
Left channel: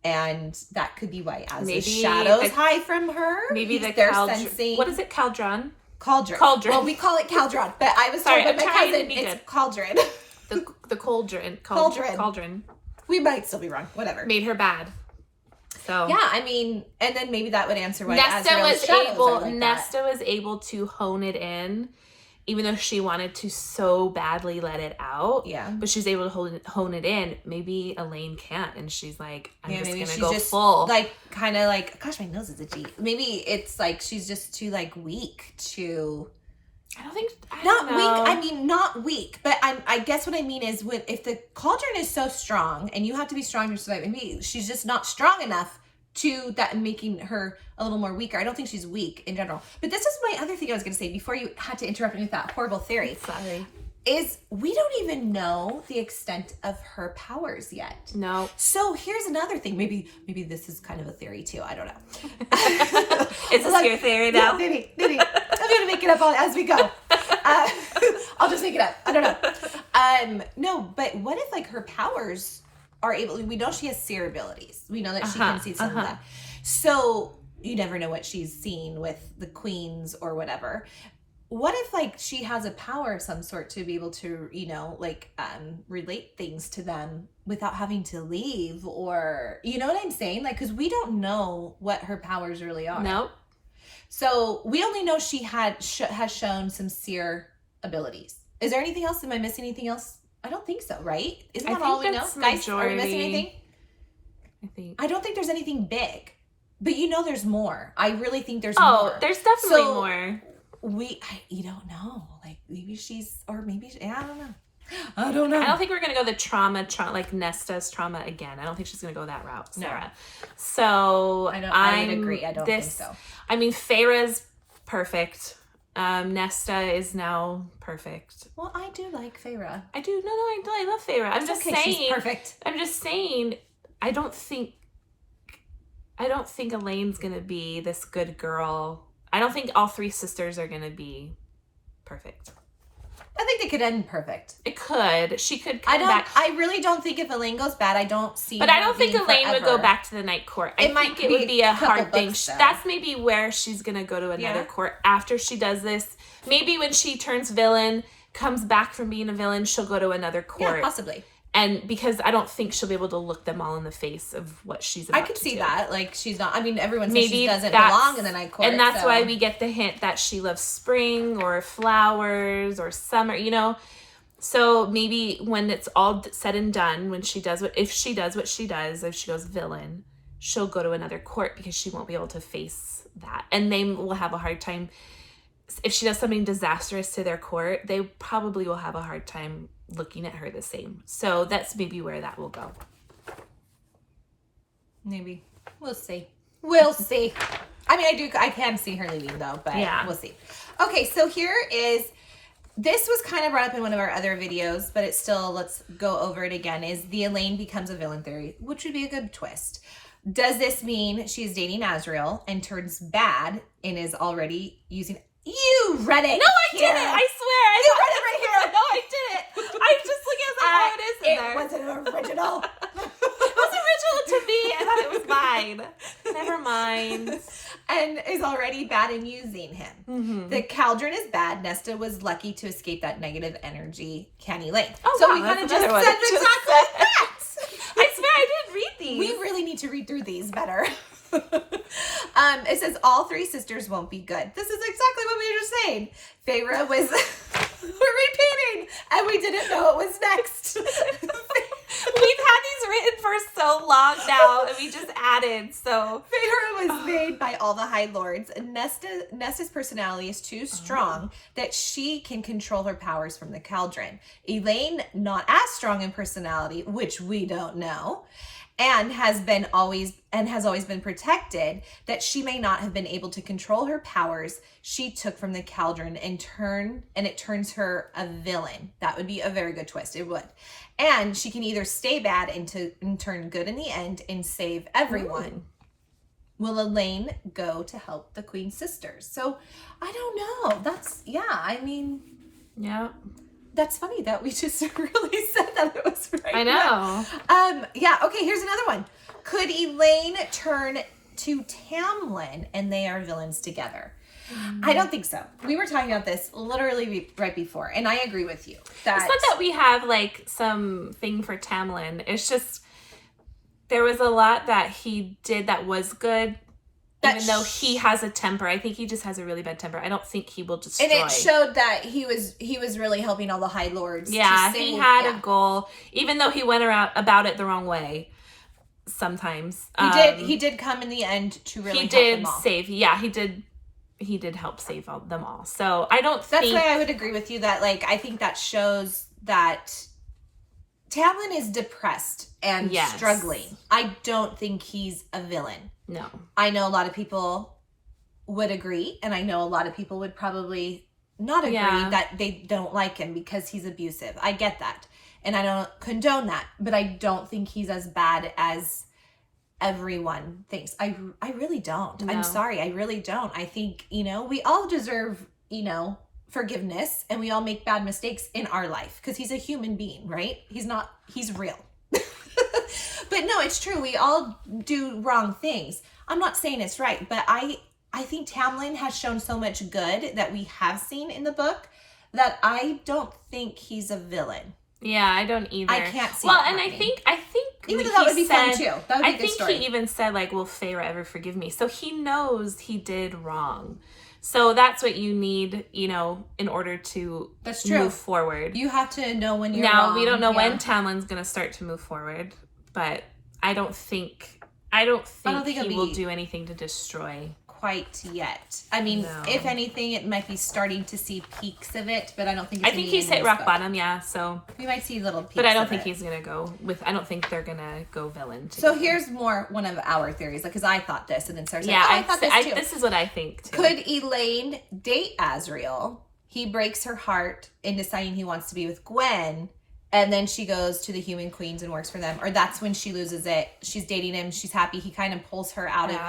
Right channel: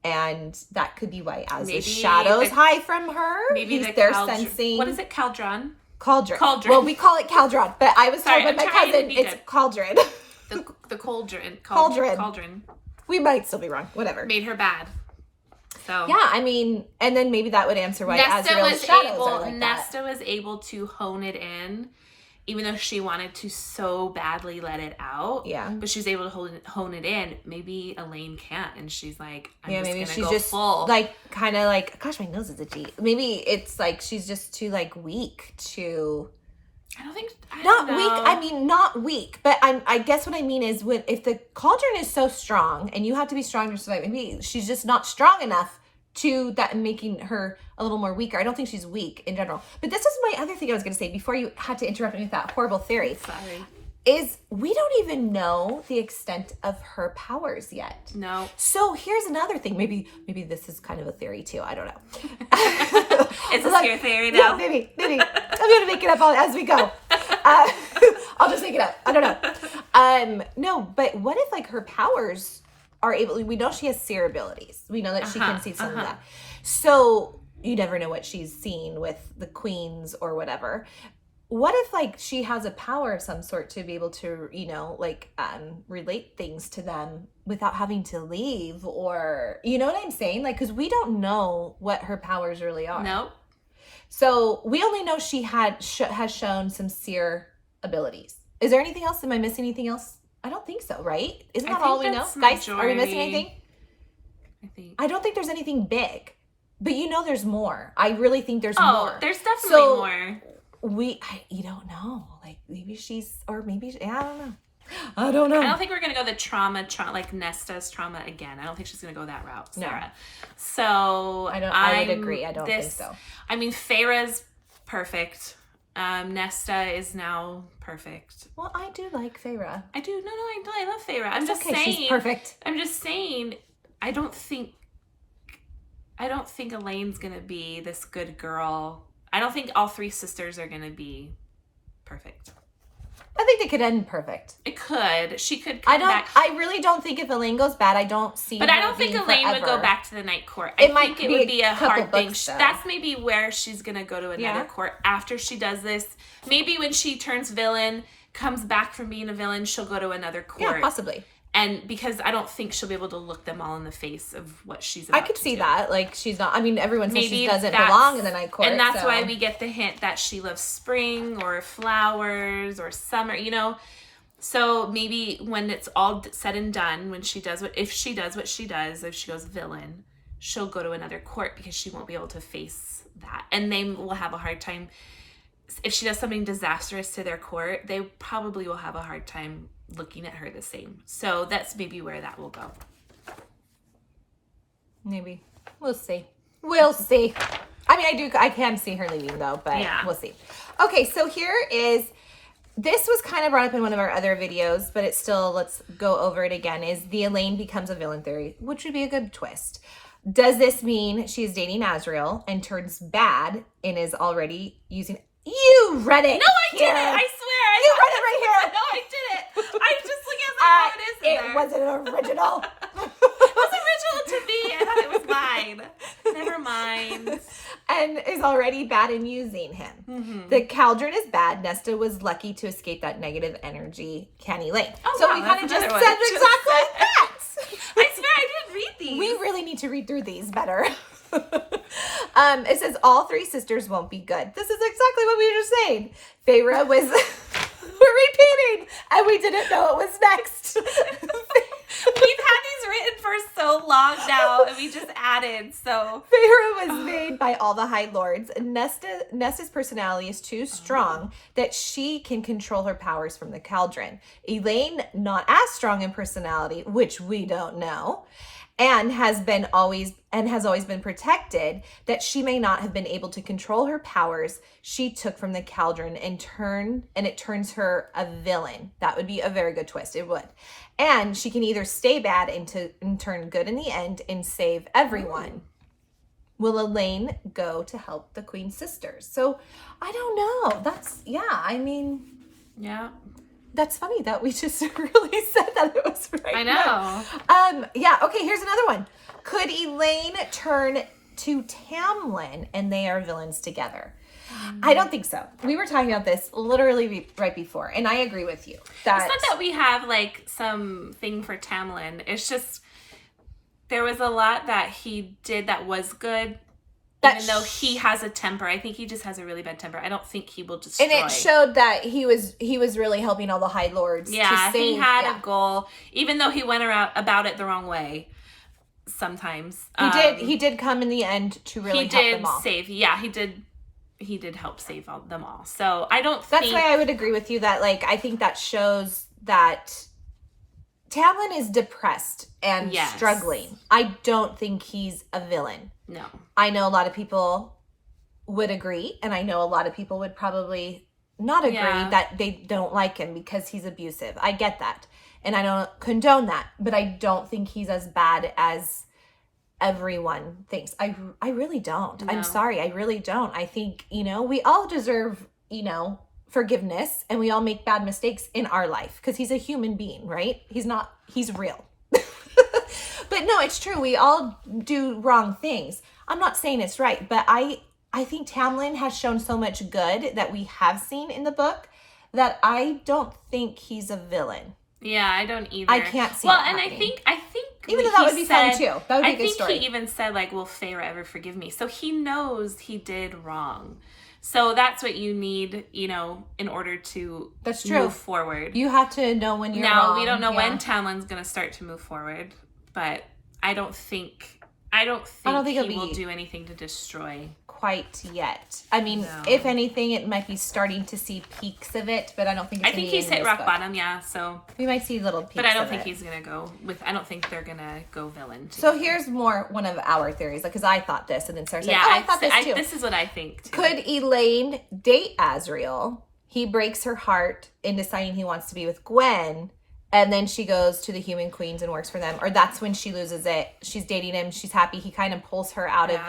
And that could be why, as the shadows hide from her, maybe they're sensing. What is it, Cauldron? Cauldron. Well, we call it Cauldron, but I was told by my cousin it's Cauldron. The Cauldron. Cauldron. We might still be wrong. Whatever. Made her bad. So yeah, I mean, and then maybe that would answer why Nesta Asriel's was able to hone it in, even though she wanted to so badly let it out. Yeah. But she's able to hone it in. Maybe Elaine can't, and she's like, I'm just maybe gonna she's go just full. like, kind of like, gosh, my nose is itchy. Maybe it's like she's just too like weak to. I don't know. Weak. I mean, not weak, but I guess what I mean is if the cauldron is so strong, and you have to be strong to survive, maybe she's just not strong enough to that, making her a little more weaker. I don't think she's weak in general. But this is my other thing I was going to say before you had to interrupt me with that horrible theory. Sorry. Is we don't even know the extent of her powers yet. No. So here's another thing. Maybe this is kind of a theory too. I don't know. It's a scare theory now. Yeah, maybe. I'm going to make it up as we go. I'll just make it up. I don't know. No, but what if like her powers are able, we know she has seer abilities. We know that she can see some of that. So you never know what she's seen with the queens or whatever. What if like she has a power of some sort to be able to, relate things to them without having to leave, or, you know what I'm saying? Like, cause we don't know what her powers really are. No. So we only know she has shown some seer abilities. Is there anything else? Am I missing anything else? I don't think so, right? Isn't that all we know? Guys, are we missing anything? I don't think there's anything big, but there's more. I really think there's more. Oh, there's definitely more. You don't know. Like maybe I don't know. I don't think we're going to go the trauma, like Nesta's trauma again. I don't think she's going to go that route, Sarah. No. So I would agree. I don't think so. I mean, Feyre's perfect. Nesta is now perfect. Well, I do like Feyre. I do. No, I love Feyre. I'm just saying. She's perfect. I'm just saying, I don't think Elaine's going to be this good girl. I don't think all three sisters are going to be perfect. I think it could end perfect. It could. She could come back. I really don't think if Elaine goes bad, I don't see. But I don't think Elaine would go back to the night court. I think it would be a hard thing. That's maybe where she's going to go to another court after she does this. Maybe when she turns villain, comes back from being a villain, she'll go to another court. Yeah, possibly. And because I don't think she'll be able to look them all in the face of what she's about to do. I could see that. Like, she's not, everyone says she doesn't belong in the night court. And that's why we get the hint that she loves spring or flowers or summer, So maybe when it's all said and done, if she does what she does, if she goes villain, she'll go to another court because she won't be able to face that. And they will have a hard time. If she does something disastrous to their court, they probably will have a hard time looking at her the same. So that's maybe where that will go. Maybe. We'll see. I can see her leaving though, but we'll see. Okay, so this was kind of brought up in one of our other videos, but it's still, let's go over it again, is the Elaine becomes a villain theory, which would be a good twist. Does this mean she's dating Asriel and turns bad and is already using... You read it. No, I didn't. I swear. You read it right here. No, I didn't. I just looking at how it is in there. It wasn't original. It was original to me. I thought it was mine. Never mind. And is already bad in using him. Mm-hmm. The cauldron is bad. Nesta was lucky to escape that negative energy. Can Elaine? Oh, so wow, we kind of just said exactly that. I swear I didn't read these. We really need to read through these better. It says all three sisters won't be good. This is exactly what we were just saying. Feyre was we're repeating, and we didn't know it was next. We've had these written for so long now, and we just add added. So Feyre was made by all the High Lords, and Nesta's personality is too strong that she can control her powers from the cauldron. Elaine, not as strong in personality, which we don't know, and has always been protected, that she may not have been able to control her powers she took from the cauldron and it turns her a villain. That would be a very good twist. It would. And she can either stay bad and turn good in the end and save everyone. Will Elaine go to help the Queen's sisters? So I don't know. Yeah. That's funny that we just really said that it was right. I know. Okay, here's another one. Could Elaine turn to Tamlin and they are villains together? I don't think so. We were talking about this literally right before, and I agree with you. It's not that we have like something for Tamlin. It's just there was a lot that he did that was good. Even though he has a temper, I think he just has a really bad temper. I don't think he will destroy. And it showed that he was really helping all the High Lords. Yeah, he had a goal, even though he went about it the wrong way. Sometimes he did come in the end to really help them all. He did help save them all. So I don't. That's why I would agree with you that I think that shows that Tamlin is depressed and struggling. I don't think he's a villain. No. I know a lot of people would agree, and I know a lot of people would probably not agree that they don't like him because he's abusive. I get that, and I don't condone that, but I don't think he's as bad as everyone thinks. I really don't. No. I'm sorry, I really don't. I think, we all deserve, forgiveness, and we all make bad mistakes in our life because he's a human being, right? He's real. But no, it's true. We all do wrong things. I'm not saying it's right, but I think Tamlin has shown so much good that we have seen in the book that I don't think he's a villain. Yeah, I don't either. I can't see. Well, and I think even though that would be fun too. That would be a good story. I think he even said will Feyre ever forgive me? So he knows he did wrong. So that's what you need, in order to move forward. You have to know when you're wrong. Now, we don't know when Tamlin's going to start to move forward, but I don't think he will do anything to destroy quite yet. I mean, if anything, it might be starting to see peaks of it, but I don't think it's he's hit rock bottom, so we might see little peaks. But I don't think he's gonna go I don't think they're gonna go villain together. So here's one of our theories, because I thought this, and then Sarah said, I thought this too. This is what I think too. Could Elaine date Asriel? He breaks her heart in deciding he wants to be with Gwen, and then she goes to the Human Queens and works for them. Or that's when she loses it. She's dating him. She's happy. He kind of pulls her out of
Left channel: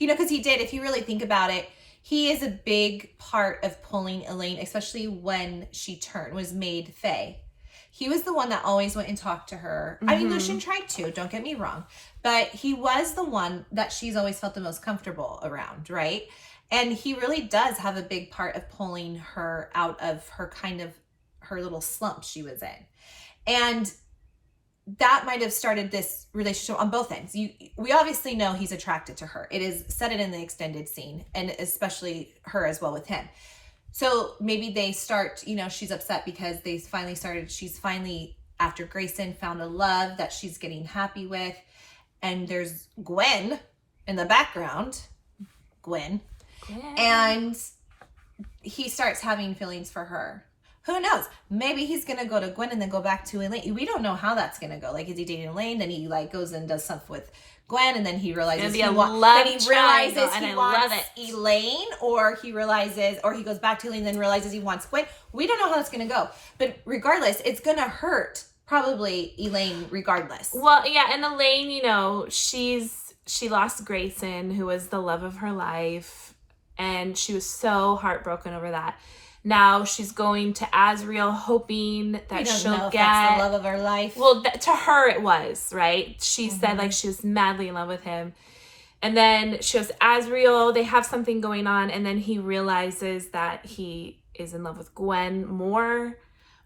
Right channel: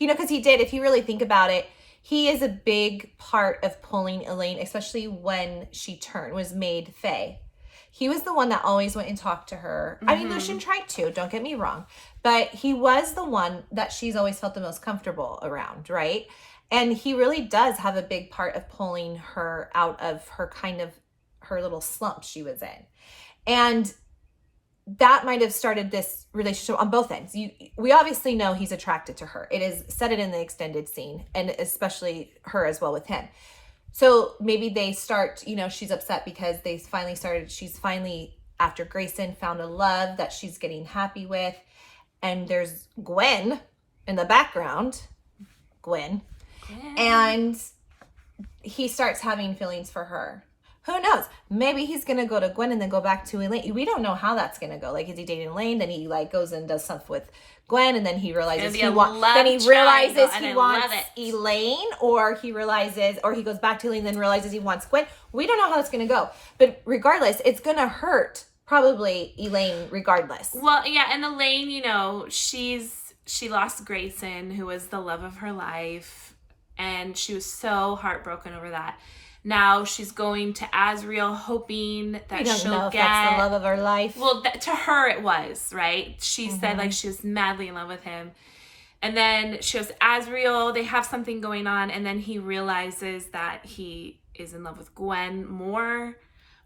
because he did, if you really think about it, he is a big part of pulling Elaine, especially when she was made Fae. He was the one that always went and talked to her. Mm-hmm. I mean, Lucian tried to, don't get me wrong. But he was the one that she's always felt the most comfortable around, right? And he really does have a big part of pulling her out of her her little slump she was in. And that might have started this relationship on both ends. We obviously know he's attracted to her. It is said it in the extended scene, and especially her as well with him. So maybe they start, she's upset because she's finally, after Grayson, found a love that she's getting happy with. And there's Gwen in the background. Gwen. And he starts having feelings for her. Who knows? Maybe he's going to go to Gwen and then go back to Elaine. We don't know how that's going to go. Is he dating Elaine? Then he goes and does stuff with Gwen, and then he realizes he wants Elaine, or he goes back to Elaine, then realizes he wants Gwen. We don't know how it's going to go. But regardless, it's going to hurt probably Elaine regardless. Well, yeah, and Elaine, she lost Grayson, who was the love of her life, and she was so heartbroken over that. Now she's going to Asriel, hoping that she'll get that's the love of her life. Well, to her it was, right? She said she was madly in love with him, and then she goes to Asriel. They have something going on, and then he realizes that he is in love with Gwen more,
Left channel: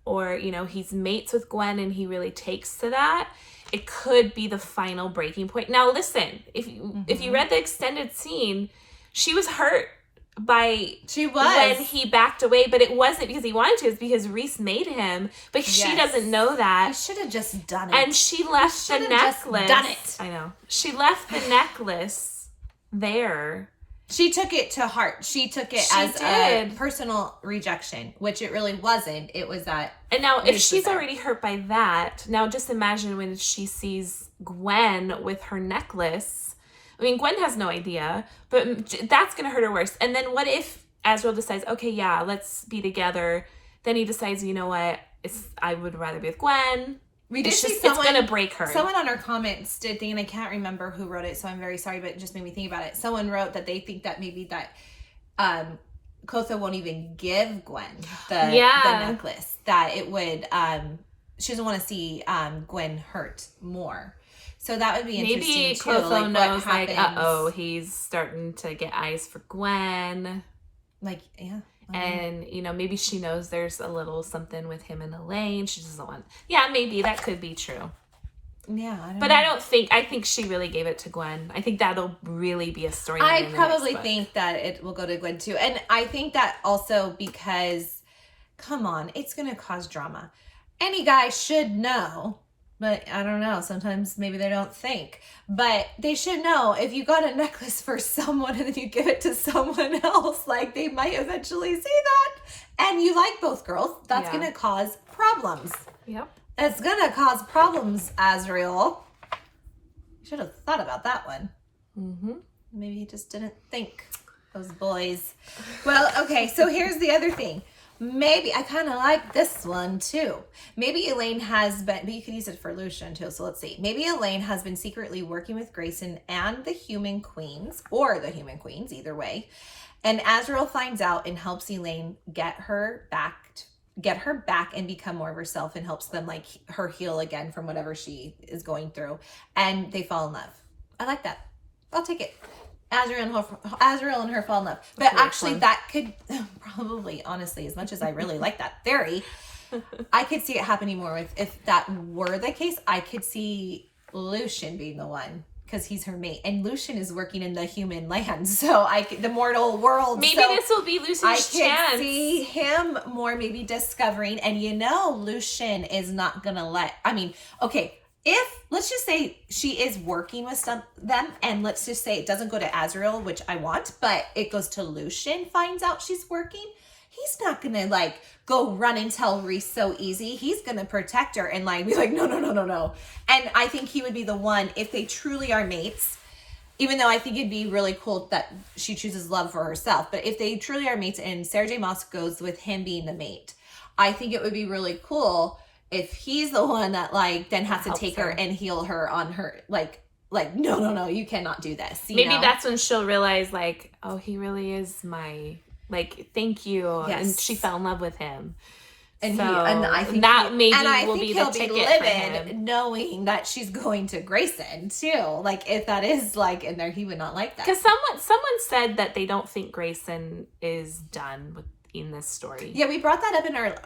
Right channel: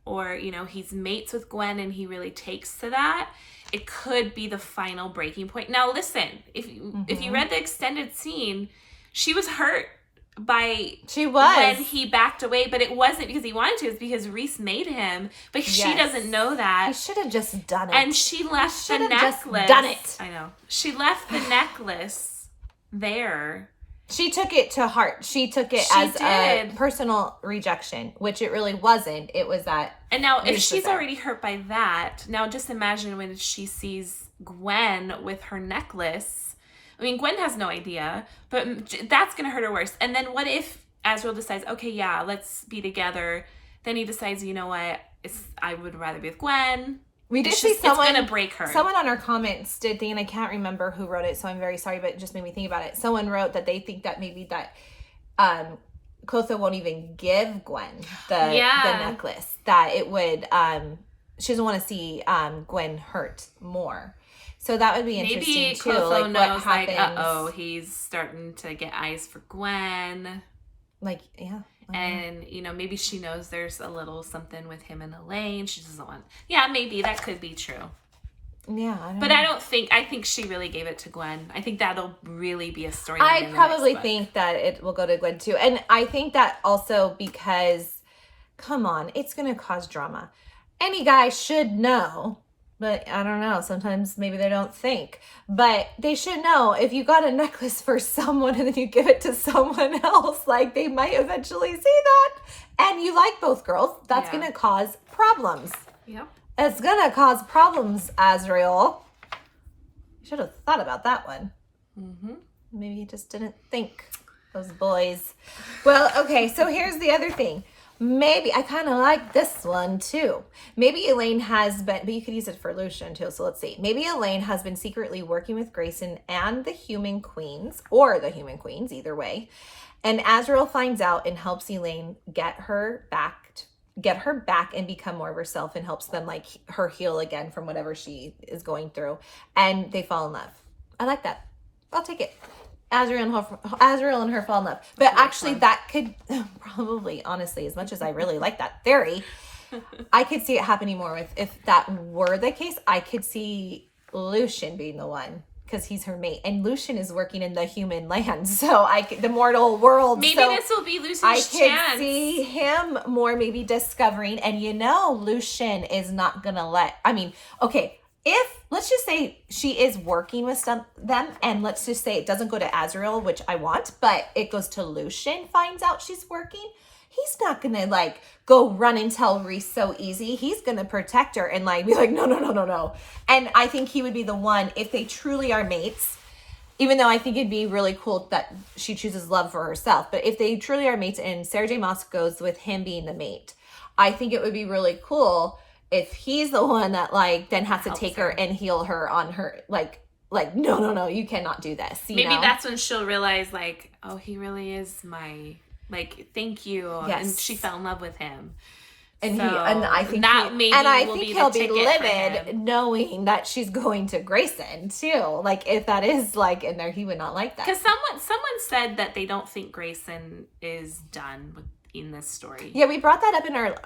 or he's mates with Gwen, and he really takes to that. It could be the final breaking point. Now, listen, if you read the extended scene, she was hurt She was. when he backed away, but it wasn't because he wanted to, it's because Rhys made him, but she doesn't know that. He should have just done it. And she left the necklace. Done it. I know. She left the necklace there. She took it to heart. She took it as a personal rejection, which it really wasn't. It was that. And now, if she's already hurt by that, now just imagine when she sees Gwen with her necklace. I mean, Gwen has no idea, but that's going to hurt her worse. And then what if Asriel decides, okay, yeah, let's be together. Then he decides, you know what, I would rather be with Gwen. We did see someone, it's going to break her. Someone on our comments did think, and I can't remember who wrote it, so I'm very sorry, but it just made me think about it. Someone wrote that they think that maybe that XOXO won't even give Gwen the necklace. That it would, she doesn't want to see Gwen hurt more. So that would be interesting. Maybe too. XOXO knows, like, uh-oh, he's starting to get eyes for Gwen. Like, yeah. And, you know, maybe she knows there's a little something with him and Elaine. She doesn't want... Yeah, maybe. That could be true. Yeah. I think she really gave it to Gwen. I think that'll really be a story. I probably think that it will go to Gwen, too. And I think that also because, come on, it's going to cause drama. Any guy should know... But I don't know. Sometimes maybe they don't think. But they should know if you got a necklace for someone and then you give it to someone else, like they might eventually see that. And you like both girls. That's going to cause problems. Yep. It's going to cause problems, Asriel. Should have thought about that one. Mm-hmm. Maybe he just didn't think. Those boys. Well, okay. So here's the other thing. Maybe, I kind of like this one too. Maybe Elaine has been, but you could use it for Lucian too, so let's see. Maybe Elaine has been secretly working with Grayson and the Human Queens, or the Human Queens, either way. And Asriel finds out and helps Elaine get her back and become more of herself and helps them, like, her heal again from whatever she is going through. And they fall in love. I like that. I'll take it. Asriel and her fall in love. But actually, that could probably, honestly, as much as I really like that theory, I could see it happening more with, if that were the case, I could see Lucian being the one, because he's her mate. And Lucian is working in the human land, so the mortal world. Maybe this will be Lucian's chance. I could see him more maybe discovering, and Lucian is not going to if, let's just say she is working with them, and let's just say it doesn't go to Asriel, which I want, but it goes to Lucian, finds out she's working, he's not going to, like, go run and tell Rhys so easy. He's going to protect her and, like, be like, no. And I think he would be the one, if they truly are mates, even though I think it'd be really cool that she chooses love for herself, but if they truly are mates and Sarah J. Maas goes with him being the mate, I think it would be really cool if he's the one that, like, then has to take her and heal her on her, like, no, you cannot do this. Maybe that's when she'll realize, like, oh, he really is my, like, thank you. Yes. And she fell in love with him. And I think that will be the ticket for him. Knowing that she's going to Grayson too. Like, if that is, like, in there, he would not like that. Because someone said that they don't think Grayson is done in this story. Yeah, we brought that up in our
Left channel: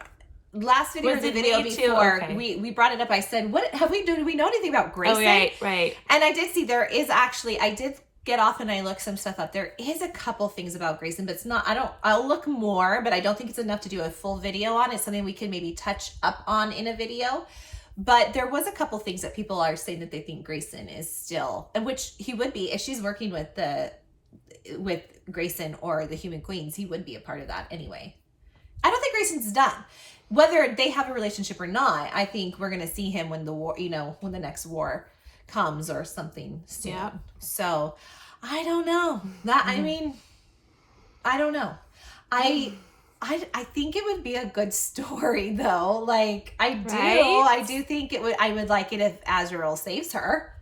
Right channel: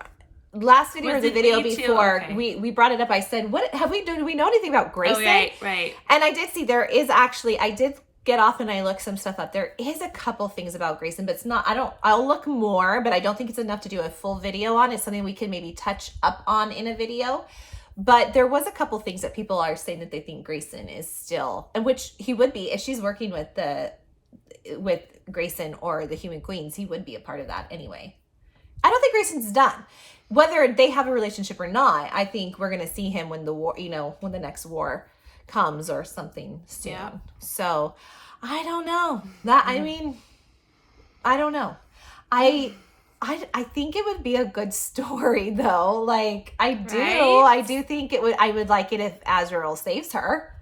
last video or the video before. Okay. We brought it up. I said, do we know anything about Grayson? Oh, right. And I did see there is actually, I did get off and I looked some stuff up. There is a couple things about Grayson, but it's not, I'll look more, but I don't think it's enough to do a full video on. It's something we can maybe touch up on in a video. But there was a couple things that people are saying that they think Grayson is still, and which he would be if she's working with Grayson or the Human Queens, he would be a part of that anyway. I don't think Grayson's done. Whether they have a relationship or not, I think we're going to see him when the war, when the next war comes or something soon. Yeah. So, I don't know. I mean, I don't know. I think it would be a good story though. Like, I do think I would like it if Asriel saves her.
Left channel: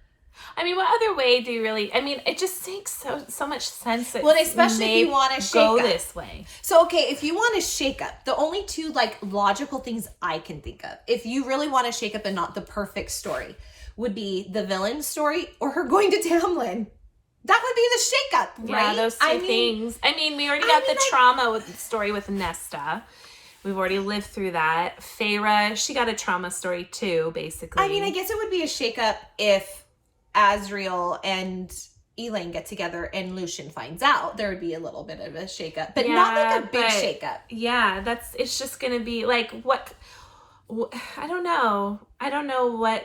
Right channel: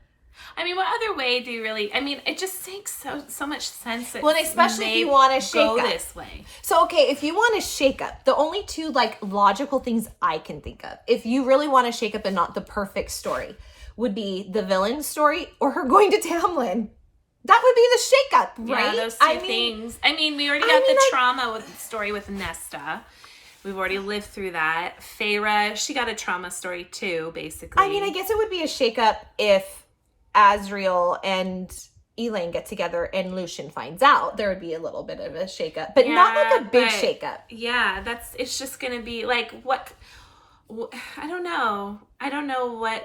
I mean, what other way do you really? I mean, it just makes so much sense. That well, especially if you want to go this way. So, okay, if you want to shake up, the only two, like, logical things I can think of, if you really want to shake up and not the perfect story, would be the villain story or her going to Tamlin. That would be the shake up, right? Yeah, those two things. I mean, we already got the trauma with the story with Nesta. We've already lived through that. Feyre, she got a trauma story too, basically. I mean, I guess it would be a shake up if Asriel and Elaine get together and Lucien finds out, there would be a little bit of a shakeup, but not like a big shakeup. Yeah, it's just gonna be like I don't know. I don't know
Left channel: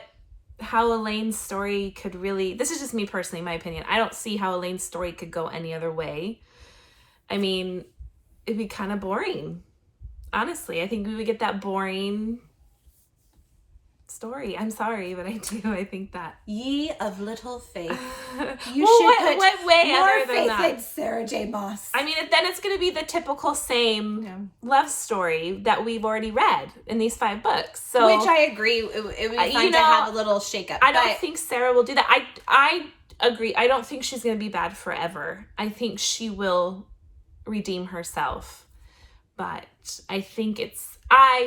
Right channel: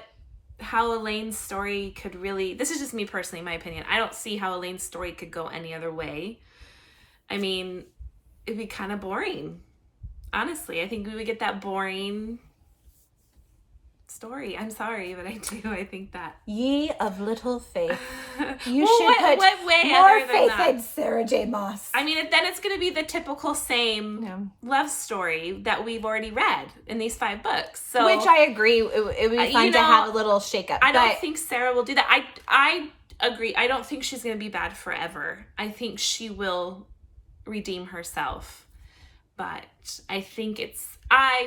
how Elaine's story could really. This is just me personally, my opinion. I don't see how Elaine's story could go any other way. I mean, it'd be kind of boring. Honestly, I think we would get that boring story. I'm sorry, but I do. I think that. Ye of little faith. You should put what way more other than faith that? in Sarah J. Maas. I mean, then it's going to be the typical same love story that we've already read in these 5 books. So, which I agree, it would be fun to have a little shakeup. I don't think Sarah will do that. I agree. I don't think she's going to be bad forever. I think she will redeem herself. But I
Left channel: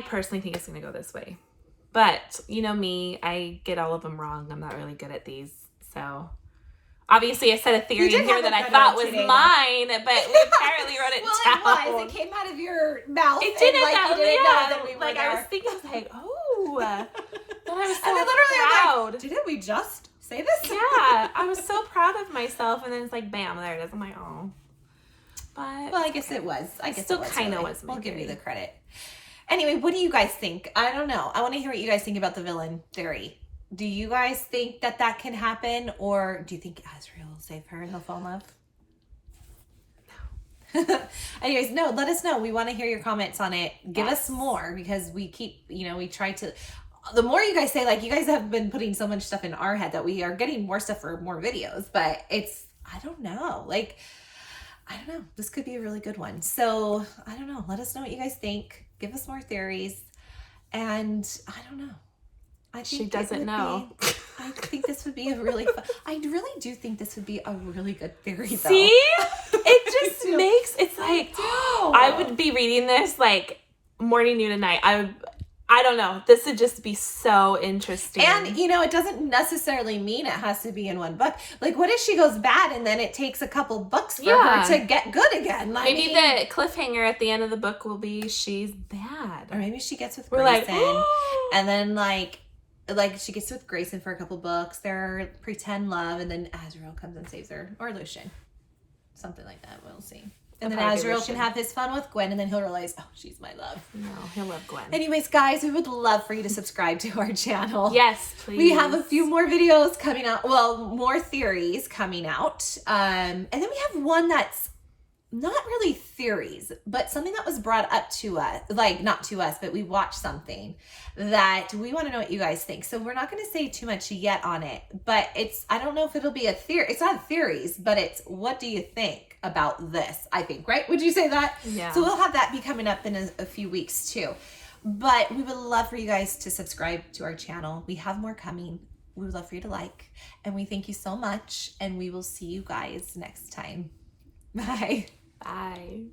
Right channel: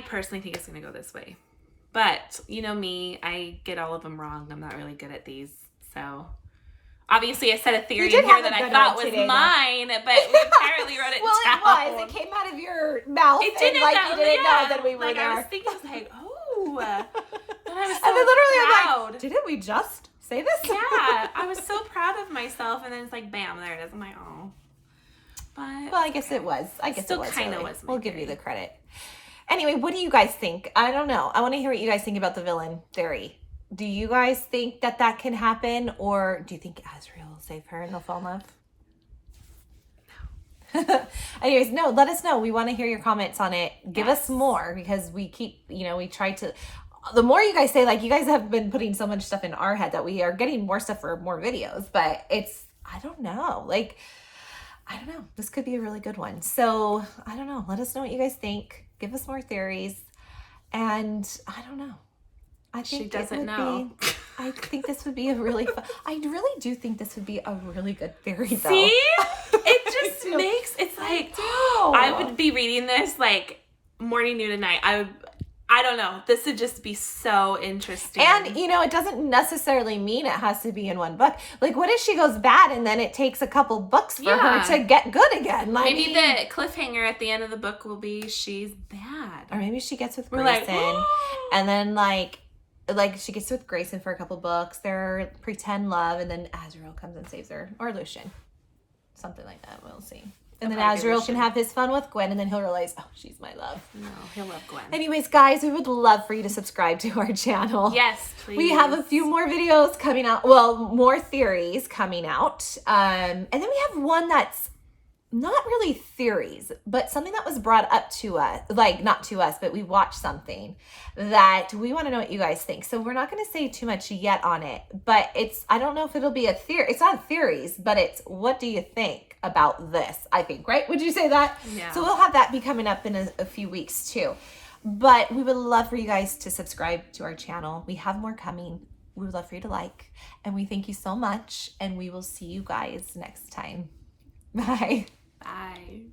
personally think it's going to go this way. But, you know me, I get all of them wrong. I'm not really good at these. So, obviously I said a theory in here that I thought was mine, but we apparently wrote it down. Well, it was. It came out of your mouth. It didn't. You didn't know that we were like, there. I was thinking, I was like, oh. But I was so proud. Like, didn't we just say this? Yeah. I was so proud of myself. And then it's like, bam, there it is. I'm like, oh. But, well, I guess it was. I guess still it was. Kind of really. was my We'll theory. give you the credit. Anyway, what do you guys think? I don't know. I want to hear what you guys think about the villain theory. Do you guys think that can happen? Or do you think Asriel will save her and he'll fall in love? No. Anyways, no, let us know. We want to hear your comments on it. Give us more, because we keep, we try to, the more you guys say, like, you guys have been putting so much stuff in our head that we are getting more stuff for more videos, but I don't know. Like, I don't know. This could be a really good one. So, I don't know. Let us know what you guys think. Give us more theories. And I don't know. I think she doesn't know. I think this would be a really fun. I really do think this would be a really good theory, though. See? It just makes, it's like, I would be reading this like morning, noon, and night. I don't know. This would just be so interesting. And, it doesn't necessarily mean it has to be in one book. Like, what if she goes bad and then it takes a couple books for her to get good again? Maybe the cliffhanger at the end of the book will be she's bad. Or maybe she gets with Grayson. And then, like she gets with Grayson for a couple books. They're pretend love. And then Asriel comes and saves her. Or Lucien. Something like that. We'll see. And then Asriel can have his fun with Gwen, and then he'll realize, oh, she's my love. No, he'll love Gwen. Anyways, guys, we would love for you to subscribe to our channel. Yes, please. We have a few more videos coming out. Well, more theories coming out. And then we have one that's not really theories, but something that was brought up to us. Like, not to us, but we watched something that we want to know what you guys think. So we're not going to say too much yet on it, but I don't know if it'll be a theory. It's not theories, but it's what do you think about this, I think, right? Would you say that? Yeah. So we'll have that be coming up in a few weeks too. But we would love for you guys to subscribe to our channel. We have more coming. We would love for you to like. And we thank you so much. And we will see you guys next time. Bye. Bye.